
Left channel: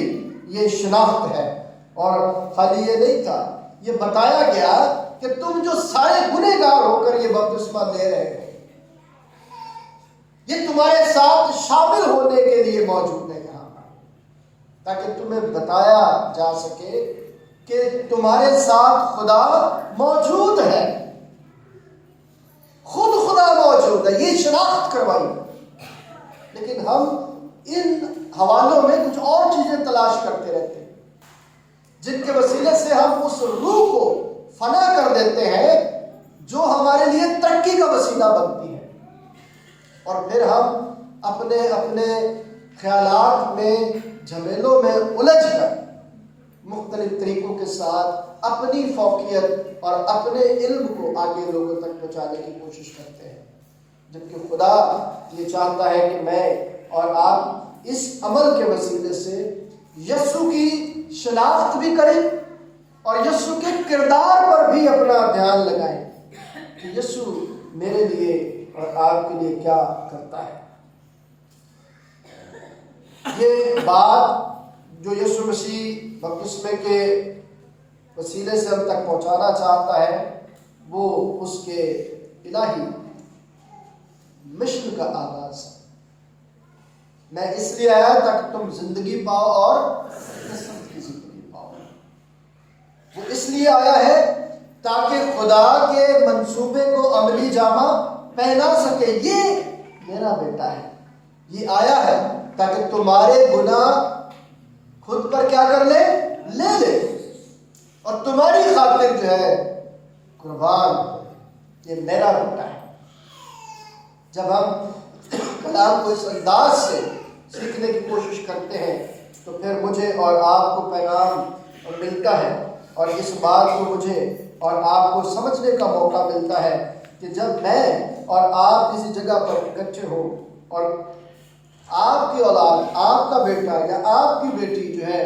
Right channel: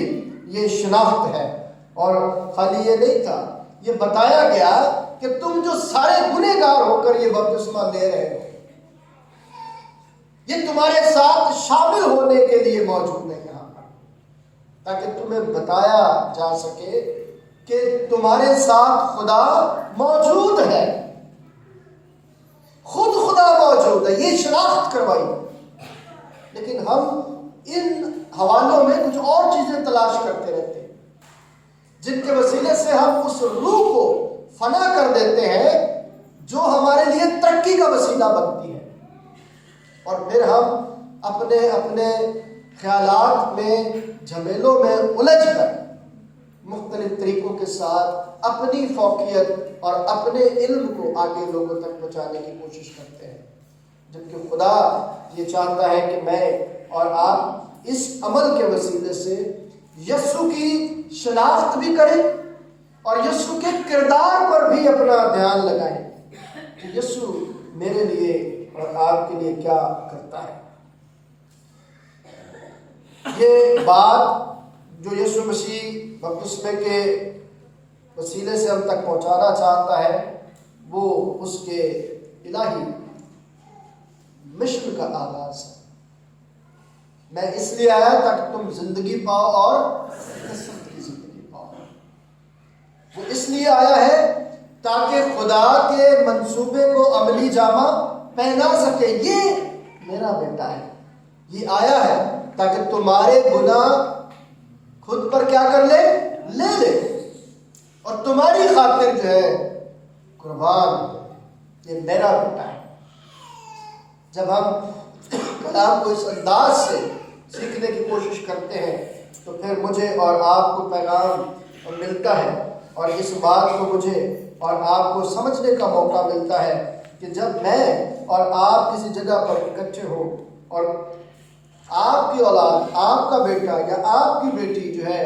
یہ شناخت ہے۔ اور خالی یہ نہیں تھا، یہ بتایا گیا کہ تم جو سارے گنہگار ہو کر یہ بپتسمہ لے رہے ہیں، یہ تمہارے ساتھ شامل ہونے کے لیے موجود ہے یہاں، تاکہ تمہیں بتایا جا سکے کہ تمہارے ساتھ خدا موجود ہے، خود خدا موجود ہے، یہ شناخت کروائی۔ لیکن ہم ان حوالوں میں کچھ اور چیزیں تلاش کرتے رہتے ہیں جن کے وسیلے سے ہم اس روح کو فنا کر دیتے ہیں جو ہمارے لیے ترقی کا وسیلہ بنتی ہے، اور پھر ہم اپنے خیالات میں، جھمیلوں میں الجھ کر مختلف طریقوں کے ساتھ اپنی فوقیت اور اپنے علم کو آگے لوگوں تک پہنچانے کی کوشش کرتے ہیں، جبکہ خدا یہ چاہتا ہے کہ میں اور آپ اس عمل کے وسیلے سے یسوع کی شناخت بھی کریں اور یسوع کے کردار پر بھی اپنا دھیان لگائیں کہ یسوع میرے لیے اور آپ کے لیے کیا کرتا ہے۔ یہ بات جو یسوع مسیح بپتسمے کے وسیلے سے ہم تک پہنچانا چاہتا ہے، وہ اس کے الہی مشن کا آغاز ہے۔ میں اس لیے آیا تاکہ تم زندگی پاؤ اور قسمت کی زندگی پاؤ۔ وہ اس لیے آیا ہے تاکہ خدا کے منصوبے کو عملی جامہ پہنا سکے۔ یہ میرا بیٹا ہے، یہ آیا ہے تاکہ تمہارے گناہ خود پر کیا کر لے لے اور تمہاری خاطر جو ہے قربان۔ یہ میرا بیٹا ہے۔ جب ہم کلام کو اس انداز سے سیکھنے کی کوشش کرتے ہیں تو پھر مجھے اور آپ کو پیغام ملتا ہے، اور اس بات کو مجھے اور آپ کو سمجھنے کا موقع ملتا ہے کہ جب میں اور آپ کسی جگہ پر اکٹھے ہو اور آپ کی اولاد، آپ کا بیٹا یا آپ کی بیٹی جو ہے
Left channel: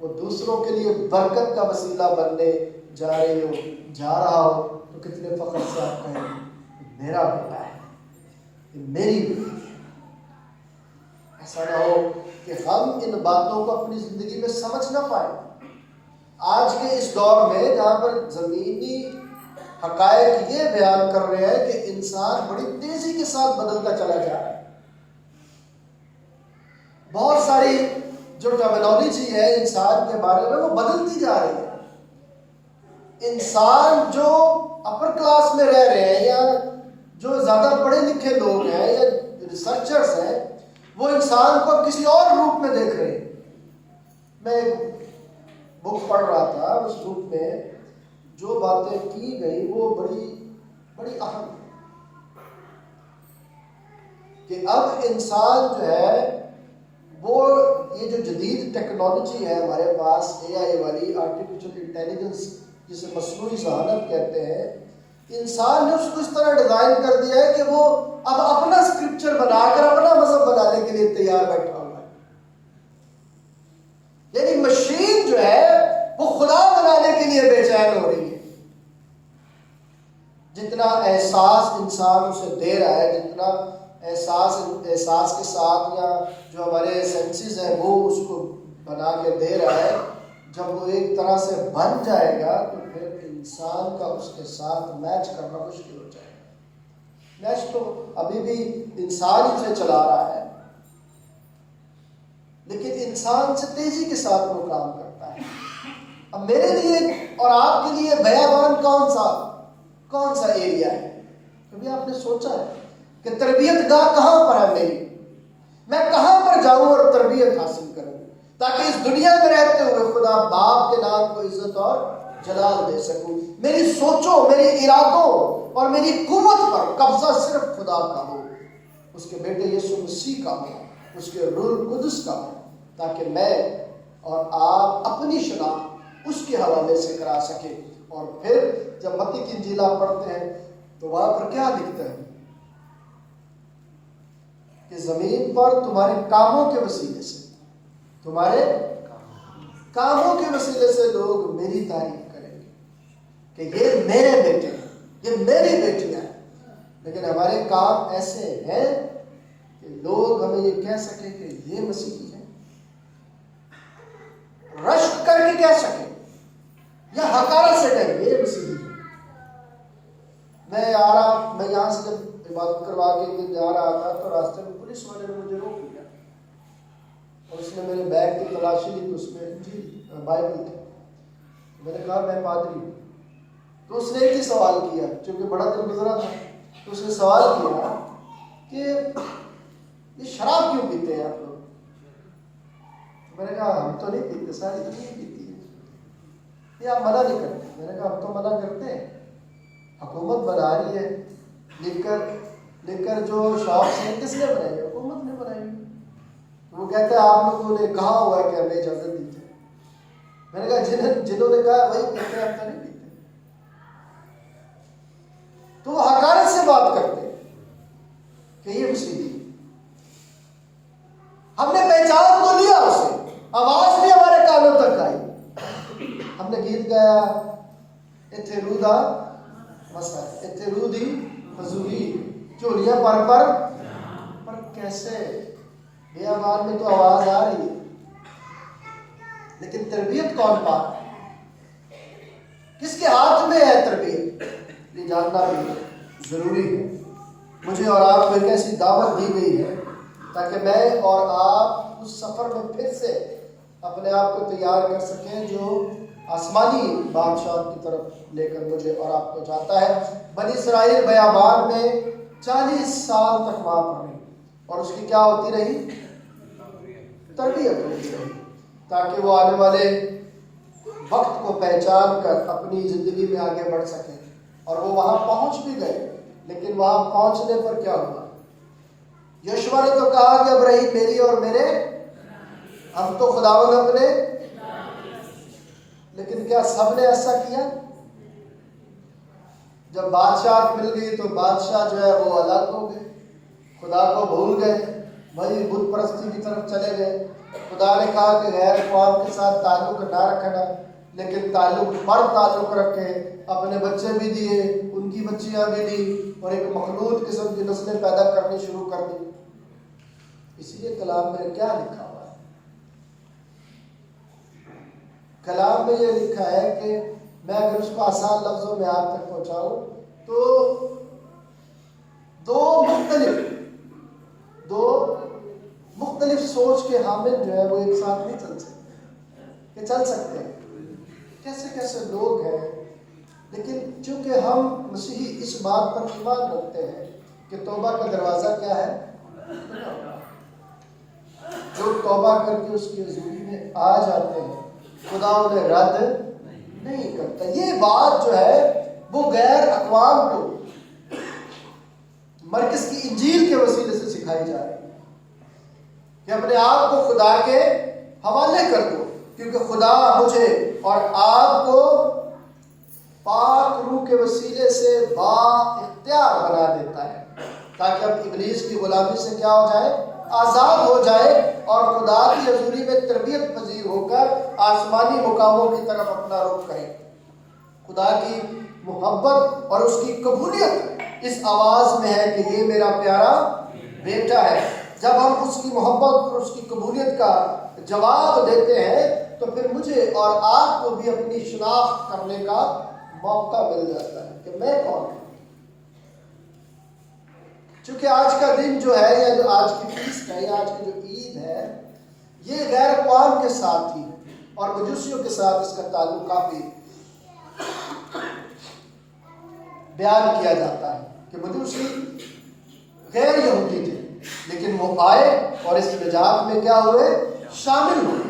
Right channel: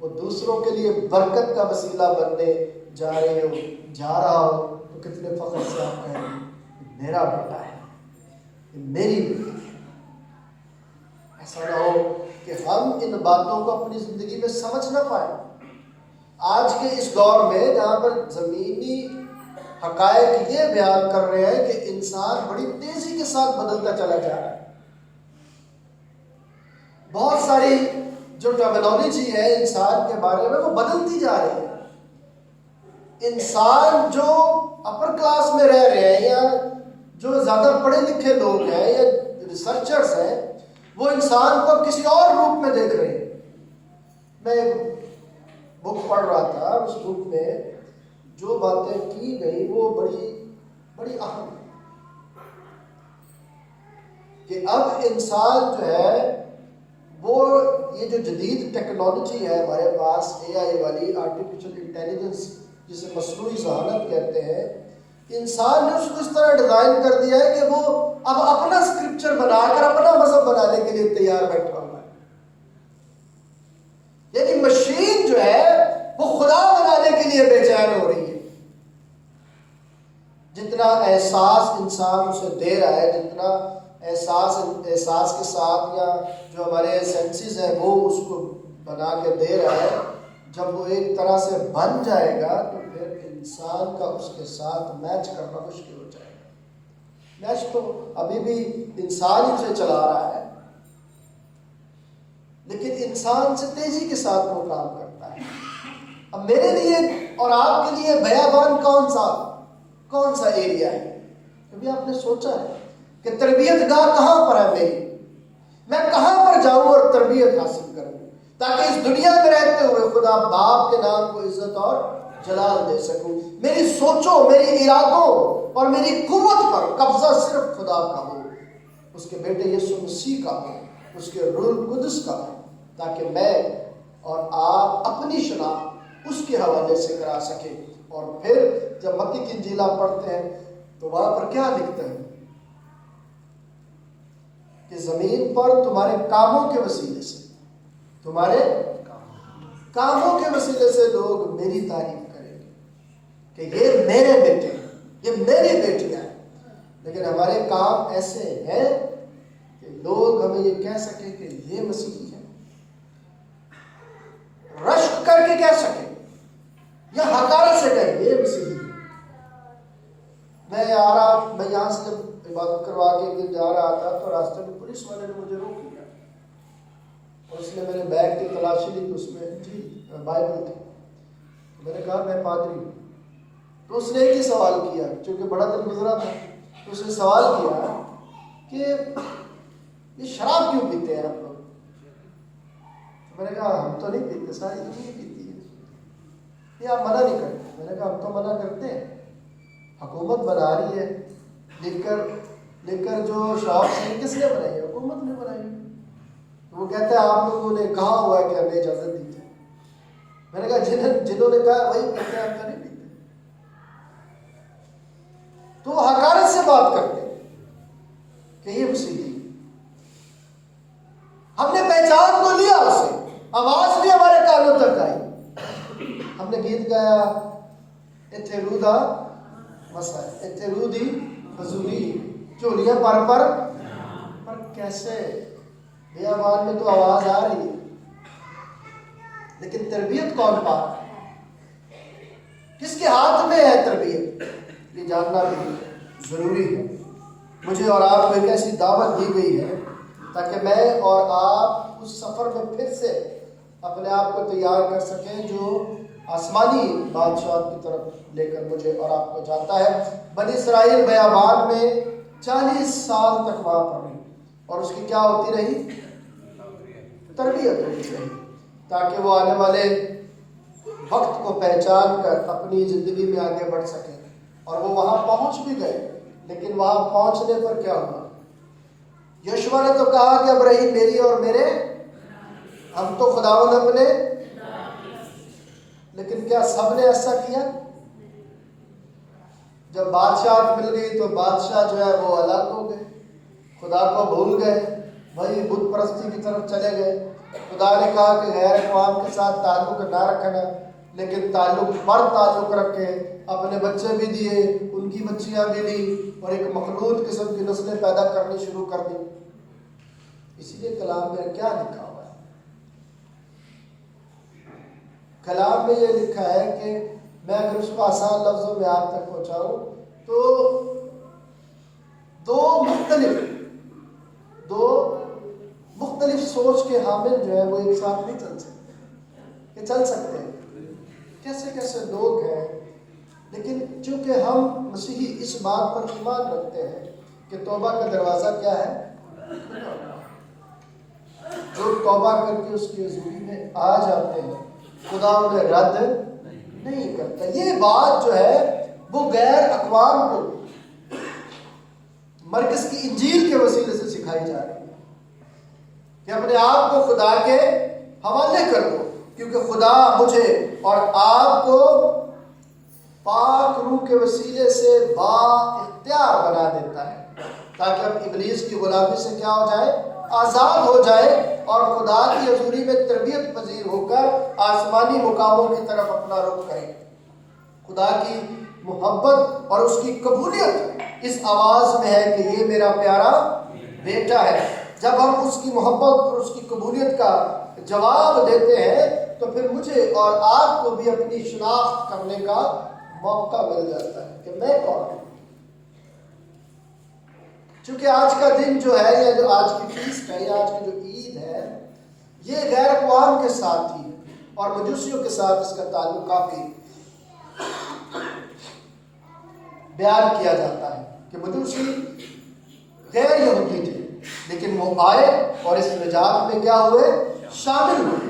وہ دوسروں کے لیے برکت کا وسیلہ بننے جا رہا ہو تو کتنے فخر سے آپ کہیں گے میرا بیٹا ہے، میری بیٹی۔ ایسا نہ ہو کہ ہم ان باتوں کو اپنی زندگی میں سمجھ نہ پائیں۔ آج کے اس دور میں جہاں پر زمینی حقائق یہ بیان کر رہے ہیں کہ انسان بڑی تیزی کے ساتھ بدلتا چلا جا رہا ہے، بہت ساری جو ٹرمینالوجی ہے انسان کے بارے میں وہ بدلتی جا رہی ہے۔ انسان جو اپر کلاس میں رہ رہے ہیں یا جو زیادہ پڑھے لکھے لوگ ہیں یا ریسرچرز ہیں، وہ انسان کو کسی اور روپ میں دیکھ رہے ہیں۔ میں ایک بک پڑھ رہا تھا، اس بک میں جو باتیں کی گئی وہ بڑی اہم ہے کہ اب انسان جو ہے وہ یہ جو جدید ٹیکنالوجی ہے ہمارے پاس، اے آئی والی، آرٹیفیشل انٹیلیجنس جسے مصنوعی ذہانت کہتے ہیں، انسان نے اس کو اس طرح ڈیزائن کر دیا ہے کہ وہ اب اپنا اسکرپچر بنا کر اپنا مذہب بنانے کے لیے تیار بیٹھا ہوا ہے۔ یعنی مشین جو ہے وہ خدا بنانے کے لیے بے چین ہو رہی ہے۔ جتنا احساس انسان اسے دے رہا ہے، جتنا احساس کے ساتھ یا جو ہمارے سینسز ہیں وہ اس کو بنا کے دے رہا ہے، جب وہ ایک طرح سے بن جائے گا تو پھر انسان کا اس کے ساتھ میچ کرنا مشکل ہو جائے گا۔ میچ تو ابھی بھی انسان ہی سے چلا رہا ہے، لیکن انسان سے تیزی کے ساتھ وہ کام کرتا ہے۔ اب میرے لیے اور آپ کے لیے بیابان کون سا ایریا ہے؟ کبھی آپ نے سوچا ہے کہ تربیت گاہ کہاں پر ہے میری؟ میں کہاں پر جاؤں اور تربیت حاصل کروں تاکہ اس دنیا میں رہتے ہوئے خدا باپ کے نام کو عزت اور جلال دے سکوں؟ میری سوچوں، میری ارادوں اور میری قوت پر قبضہ صرف خدا کا ہو، اس کے بیٹے یسوع مسیح کا ہو، اس کے روح القدس کا ہو، تاکہ میں اور آپ اپنی شناخت اس کے حوالے سے کرا سکیں۔ اور پھر جب متی کی انجیل آپ پڑھتے ہیں تو وہاں پر کیا لکھتا ہے کہ زمین پر تمہارے کاموں کے وسیلے سے، تمہارے کاموں کے وسیلے سے لوگ میری تعریف کریں گے کہ یہ میرے بیٹے ہیں، یہ میری بیٹیاں ہیں۔ لیکن ہمارے کام ایسے ہیں کہ لوگ ہمیں یہ کہہ سکیں کہ یہ مسیحی ہے، رشک کر کے کہہ سکیں یا حقارت سے کہیں یہ مسیحی ہے۔ میں یہاں سے جب عبادت کروا کے ایک دن جا رہا تھا تو راستے میں پولیس والے نے مجھے روک لیا اور اس نے میرے بیگ کی تلاشی لی تو اس میں بائبل تھی۔ میں نے کہا میں پادری ہوں۔ تو اس نے ایک ہی سوال کیا، چونکہ بڑا دن گزرا تھا، تو اس نے سوال کیا کہ یہ شراب کیوں پیتے ہیں آپ لوگ؟ میں نے کہا ہم تو نہیں پیتے، ساری دنیا پیتی ہے، یہ آپ منع نہیں کرتے۔ میں نے کہا ہم تو منع کرتے ہیں، حکومت بنا رہی ہے، لکھ کر جو شاپس ہیں کس نے بنائی؟ حکومت نے بنائی۔ وہ کہتے ہیں آپ لوگوں نے کہا ہوا ہے کہ ہمیں اجازت دی تھی۔ میں نے کہا جنہوں نے کہا وہی کرتے ہیں، ہم تو نہیں پیتے۔ تو وہ حقارت سے بات کرتے ہیں کہ یہ مسیحی ہے۔ ہم نے پہچان تو لیا اسے، آواز بھی ہمارے کانوں تک آئی، ہم نے گیت گایا اتھے رو دا مسا، اتھے رو دی حضوری، چولیاں پر کیسے؟ بیابان میں تو آواز آ رہی ہے، لیکن تربیت کون پا رہا ہے؟ کس کے ہاتھ میں ہے تربیت؟ یہ جاننا بھی ضروری ہے۔ مجھے اور آپ کو ایک ایسی دعوت دی گئی ہے تاکہ میں اور آپ اس سفر میں پھر سے اپنے آپ کو تیار کر سکیں جو آسمانی بادشاہ کی طرف لے کر مجھے اور آپ کو جاتا ہے۔ بنی اسرائیل بیابان میں 40 سال تک وہاں پر رہی اور اس کی کیا ہوتی رہی؟ تربیت ہوتی رہی، تاکہ وہ آنے والے وقت کو پہچان کر اپنی زندگی میں آگے بڑھ سکیں۔ اور وہ وہاں پہنچ بھی گئے، لیکن وہاں پہنچنے پر کیا ہوا؟ یشوع نے تو کہا کہ اب رہی میری اور میرے، ہم تو خداوند اپنے، لیکن کیا سب نے ایسا کیا؟ جب بادشاہ مل گئی تو بادشاہ جو ہے وہ الگ ہو گئے، خدا کو بھول گئے، وہی بت پرستی کی طرف چلے گئے۔ خدا نے کہا کہ غیر اقوام کے ساتھ تعلق نہ رکھنا، لیکن تعلق رکھے، اپنے بچے بھی دیے، ان کی بچیاں بھی دی، اور ایک مخلوط قسم کی نسلیں پیدا کرنی شروع کر دی۔ اسی لیے کلام میں کیا لکھا ہوا ہے؟ کلام میں یہ لکھا ہے کہ میں اگر اس کو آسان لفظوں میں آپ تک پہنچاؤں تو دو مختلف سوچ کے حامل جو ہے وہ ایک ساتھ نہیں چل سکتے، کہ چل سکتے ہیں۔ کیسے لوگ ہیں، لیکن چونکہ ہم مسیحی اس بات پر ایمان رکھتے ہیں کہ توبہ کا دروازہ کیا ہے؟ جو توبہ کر کے اس کی حضوری میں آ جاتے ہیں خدا انہیں رد نہیں کرتا۔ یہ بات جو ہے وہ غیر اقوام کو مرکز کی انجیل کے وسیلے سے سکھائی جا رہی ہے کہ اپنے آپ کو خدا کے حوالے کر دو، کیونکہ خدا مجھے اور آپ کو پاک روح کے وسیلے سے با اختیار بنا دیتا ہے تاکہ ہم ابلیس کی غلامی سے کیا ہو جائے؟ آزاد ہو جائے، اور خدا کی حضوری میں تربیت پذیر ہو کر آسمانی مقاموں کی طرف اپنا رخ کریں۔ خدا کی محبت اور اس کی قبولیت اس آواز میں ہے کہ یہ میرا پیارا بیٹا ہے. جب ہم اس کی محبت اور اس کی قبولیت کا جواب دیتے ہیں تو پھر مجھے اور آپ کو بھی اپنی شناخت کرنے کا موقع مل جاتا ہے کہ میں کون ہوں. چونکہ آج کا دن جو ہے یا جو آج کی فیسٹ ہے یا آج کی جو عید ہے یہ غیر اقوام کے ساتھ ہی اور مجوسیوں کے ساتھ اس کا تعلق کافی بیان کیا جاتا ہے کہ مجوسی غیر یہودی تھے لیکن وہ آئے اور اس نجات میں کیا ہوئے؟ شامل ہوئے.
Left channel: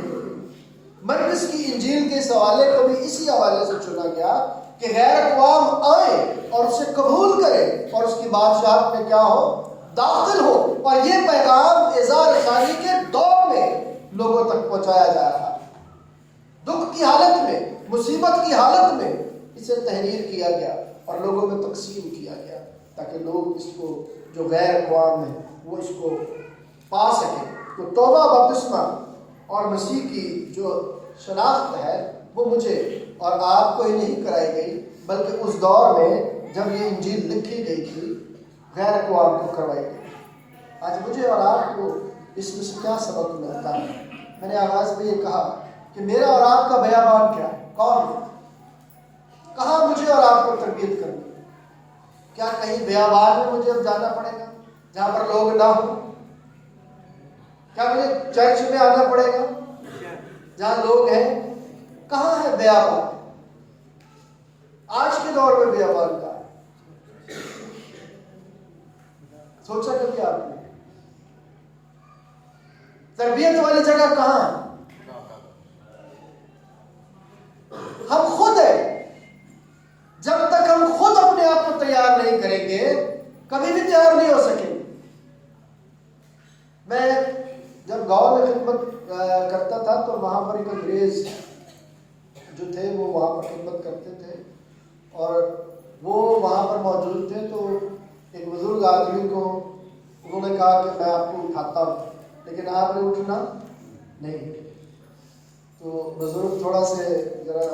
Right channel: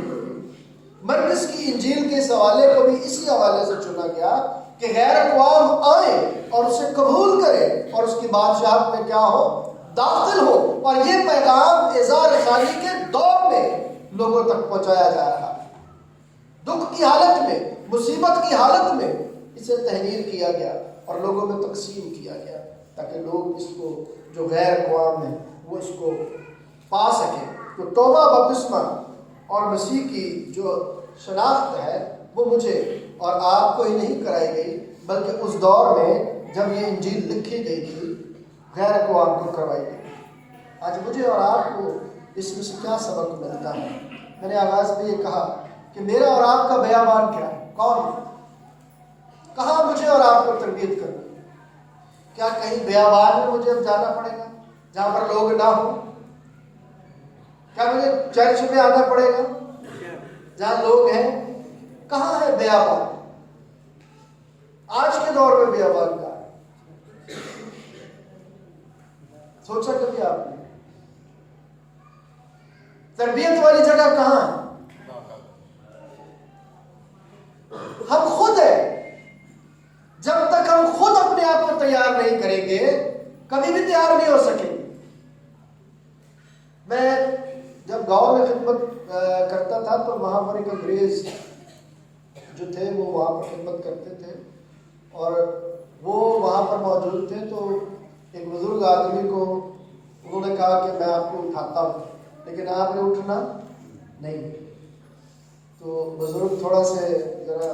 مرکز کی انجیل کے اس حوالے کو بھی اسی حوالے سے چنا گیا کہ غیر اقوام آئے اور اسے قبول کرے اور اس کی بادشاہت میں کیا ہو؟ داخل ہو. اور یہ پیغام اظہار ثانی کے دور میں لوگوں تک پہنچایا جا رہا ہے. دکھ کی حالت میں، مصیبت کی حالت میں اسے تحریر کیا گیا اور لوگوں میں تقسیم کیا گیا تاکہ لوگ اس کو جو غیر اقوام ہیں وہ اس کو پا سکیں. تو توبہ بپتسمہ اور مسیح کی جو شناخت ہے وہ مجھے اور آپ کو ہی نہیں کرائی گئی بلکہ اس دور میں جب یہ انجیل لکھی گئی تھی غیر اقوام کو کروائی گئی. آج مجھے اور آپ کو اس میں سے کیا سبق ملتا ہے؟ میں نے آغاز میں یہ کہا کہ میرا اور آپ کا بیابان کیا ہے؟ کون ہے؟ کہاں مجھے اور آپ کو تربیت کرنی؟ کیا کہیں بیابان میں مجھے اب جانا پڑے گا جہاں پر لوگ نہ ہوں؟ کیا مجھے چرچ میں آنا پڑے گا جہاں لوگ ہیں؟ کہاں ہے بیابان؟ آج کے دور میں بیابان کا ہے. سوچا کبھی آپ نے تربیت والی جگہ کہاں ہے؟ ہم خود ہیں. جب تک ہم خود اپنے آپ کو تیار نہیں کریں گے کبھی بھی تیار نہیں ہو سکیں گے. میں جب گاؤں میں خدمت کرتا تھا تو وہاں پر ایک انگریز جو تھے وہ وہاں پر خدمت کرتے تھے اور وہ وہاں پر موجود تھے. تو ایک بزرگ آدمی کو انہوں نے کہا کہ میں آپ کو اٹھاتا ہوں لیکن آپ نے اٹھنا نہیں. تو بزرگ تھوڑا سے ذرا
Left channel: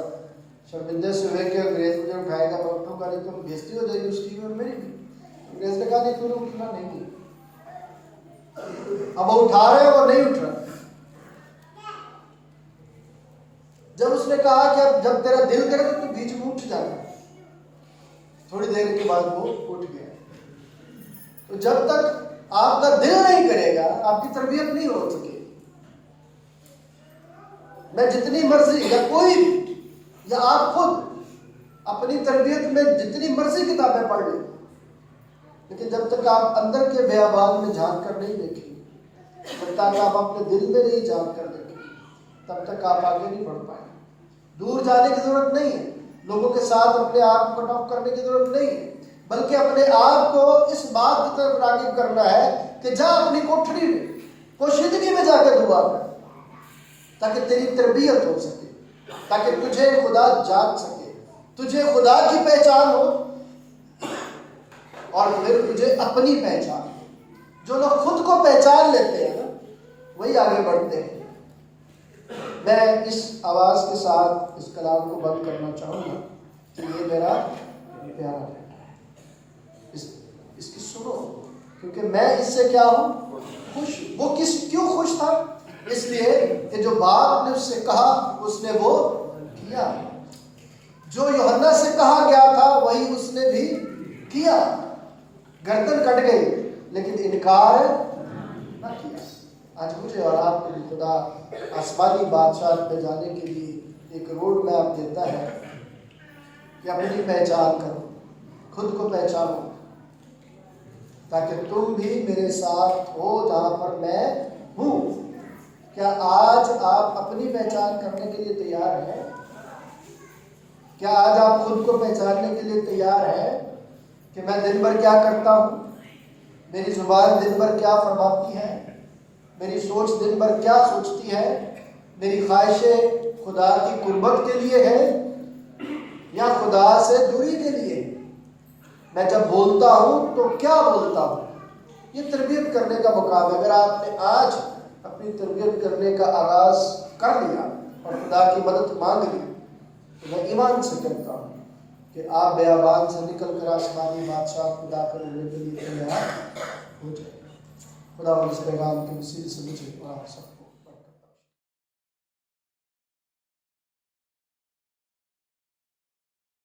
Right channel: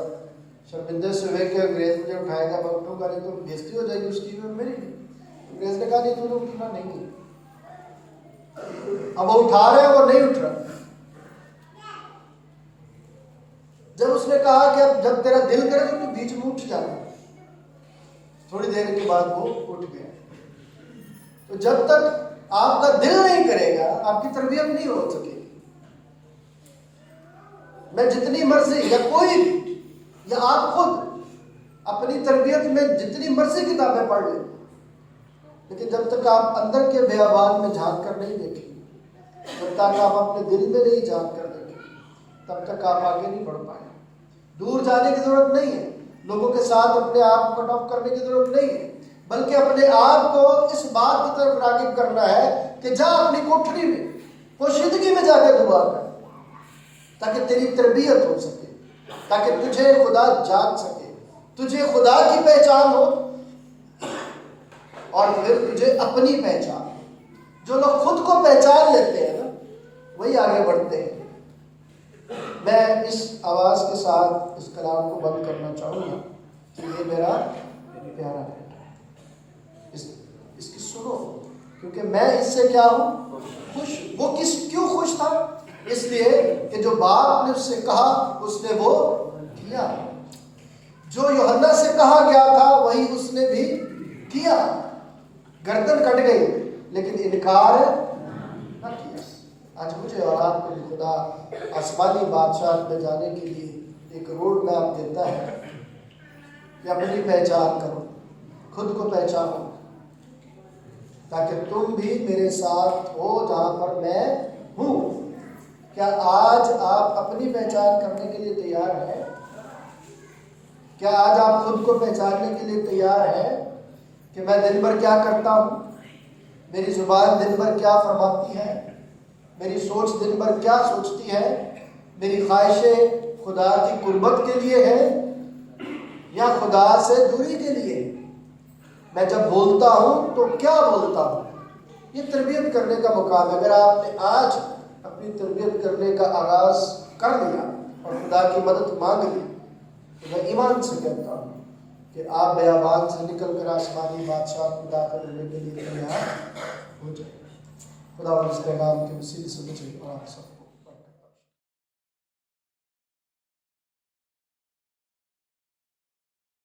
شرمندے سے ہوئے کہ انگریز مجھے اٹھائے گا میں اٹھوں گا نہیں تو بےزتی ہو جائے گی اس کی اور میری بھی. انگریز نے کہا کہ تم نے اٹھنا نہیں. اب وہ اٹھا رہے ہیں وہ نہیں اٹھ رہا. جب اس نے کہا کہ اب جب تیرا دل کرے تو بیچ میں اٹھ جانا. تھوڑی دیر کے بعد وہ اٹھ گیا. تو جب تک آپ کا دل نہیں کرے گا آپ کی تربیت نہیں ہو سکے گی. میں جتنی مرضی یا کوئی بھی یا آپ خود اپنی تربیت میں جتنی مرضی کتابیں پڑھ لیں لیکن جب تک آپ اندر کے بیابان میں جھانک کر نہیں دیکھیں گے جب تک آپ اپنے دل میں نہیں جھانک کر دیکھیں گے تب تک آپ آگے نہیں بڑھ پائیں. دور جانے کی ضرورت نہیں ہے. لوگوں کے ساتھ اپنے آپ کو کٹ آف کرنے کی ضرورت نہیں ہے بلکہ اپنے آپ کو اس بات کی طرف راغب کرنا ہے کہ جا اپنی کوٹھری میں پوشیدگی میں جا کے دعا کر تاکہ تیری تربیت ہو سکے تاکہ تجھے خدا جان سکے تجھے خدا کی پہچان ہو اور پھر تجھے اپنی پہچان ہو. جو لوگ خود کو پہچان لیتے ہیں نا وہی آگے بڑھتے ہیں. میں اس آواز کے ساتھ اس کلام کو بند کرنا چاہوں گا کہ یہ میرا پیارا بیٹا ہے. اس کی سنو کیونکہ میں اس سے کیا ہوں؟ خوش. وہ کیوں خوش تھا؟ اس لیے کہ جو باپ نے اس سے کہا اس نے وہ کیا. جو یوحنا سے کہا گیا تھا وہی اس نے بھی کیا. گردن کٹ گئی لیکن انکار نہ کیا. آج مجھے اور آپ کو خدا آسمانی بادشاہ میں جانے کے لیے ایک روڈ میپ دیتا ہے کہ اپنی پہچان کرو خود کو پہچانو تاکہ تم بھی میرے ساتھ ہو جہاں پر میں ہوں. کیا آج آپ اپنی پہچان کرنے کے لیے تیار ہیں؟ کیا آج آپ خود کو پہچاننے کے لیے تیار ہیں کہ میں دن بھر کیا کرتا ہوں؟ میری زبان دن بھر کیا فرماتی ہے؟ میری سوچ دن بھر کیا سوچتی ہے؟ میری خواہشیں خدا کی قربت کے لیے ہیں یا خدا سے دوری کے لیے؟ میں جب بولتا ہوں تو کیا بولتا ہوں؟ یہ تربیت کرنے کا مقام ہے. اگر آپ نے آج اپنی تربیت کرنے کا آغاز کر لیا اور خدا کی مدد مانگ لی تو میں ایمان سے کہتا ہوں کہ آپ بیابان سے نکل کر آسمانی بادشاہ کو داخل ہونے کے لیے تیار ہو جائیں. خدا اس پیغام کے وسیلے سے مجھے اور آپ سب کو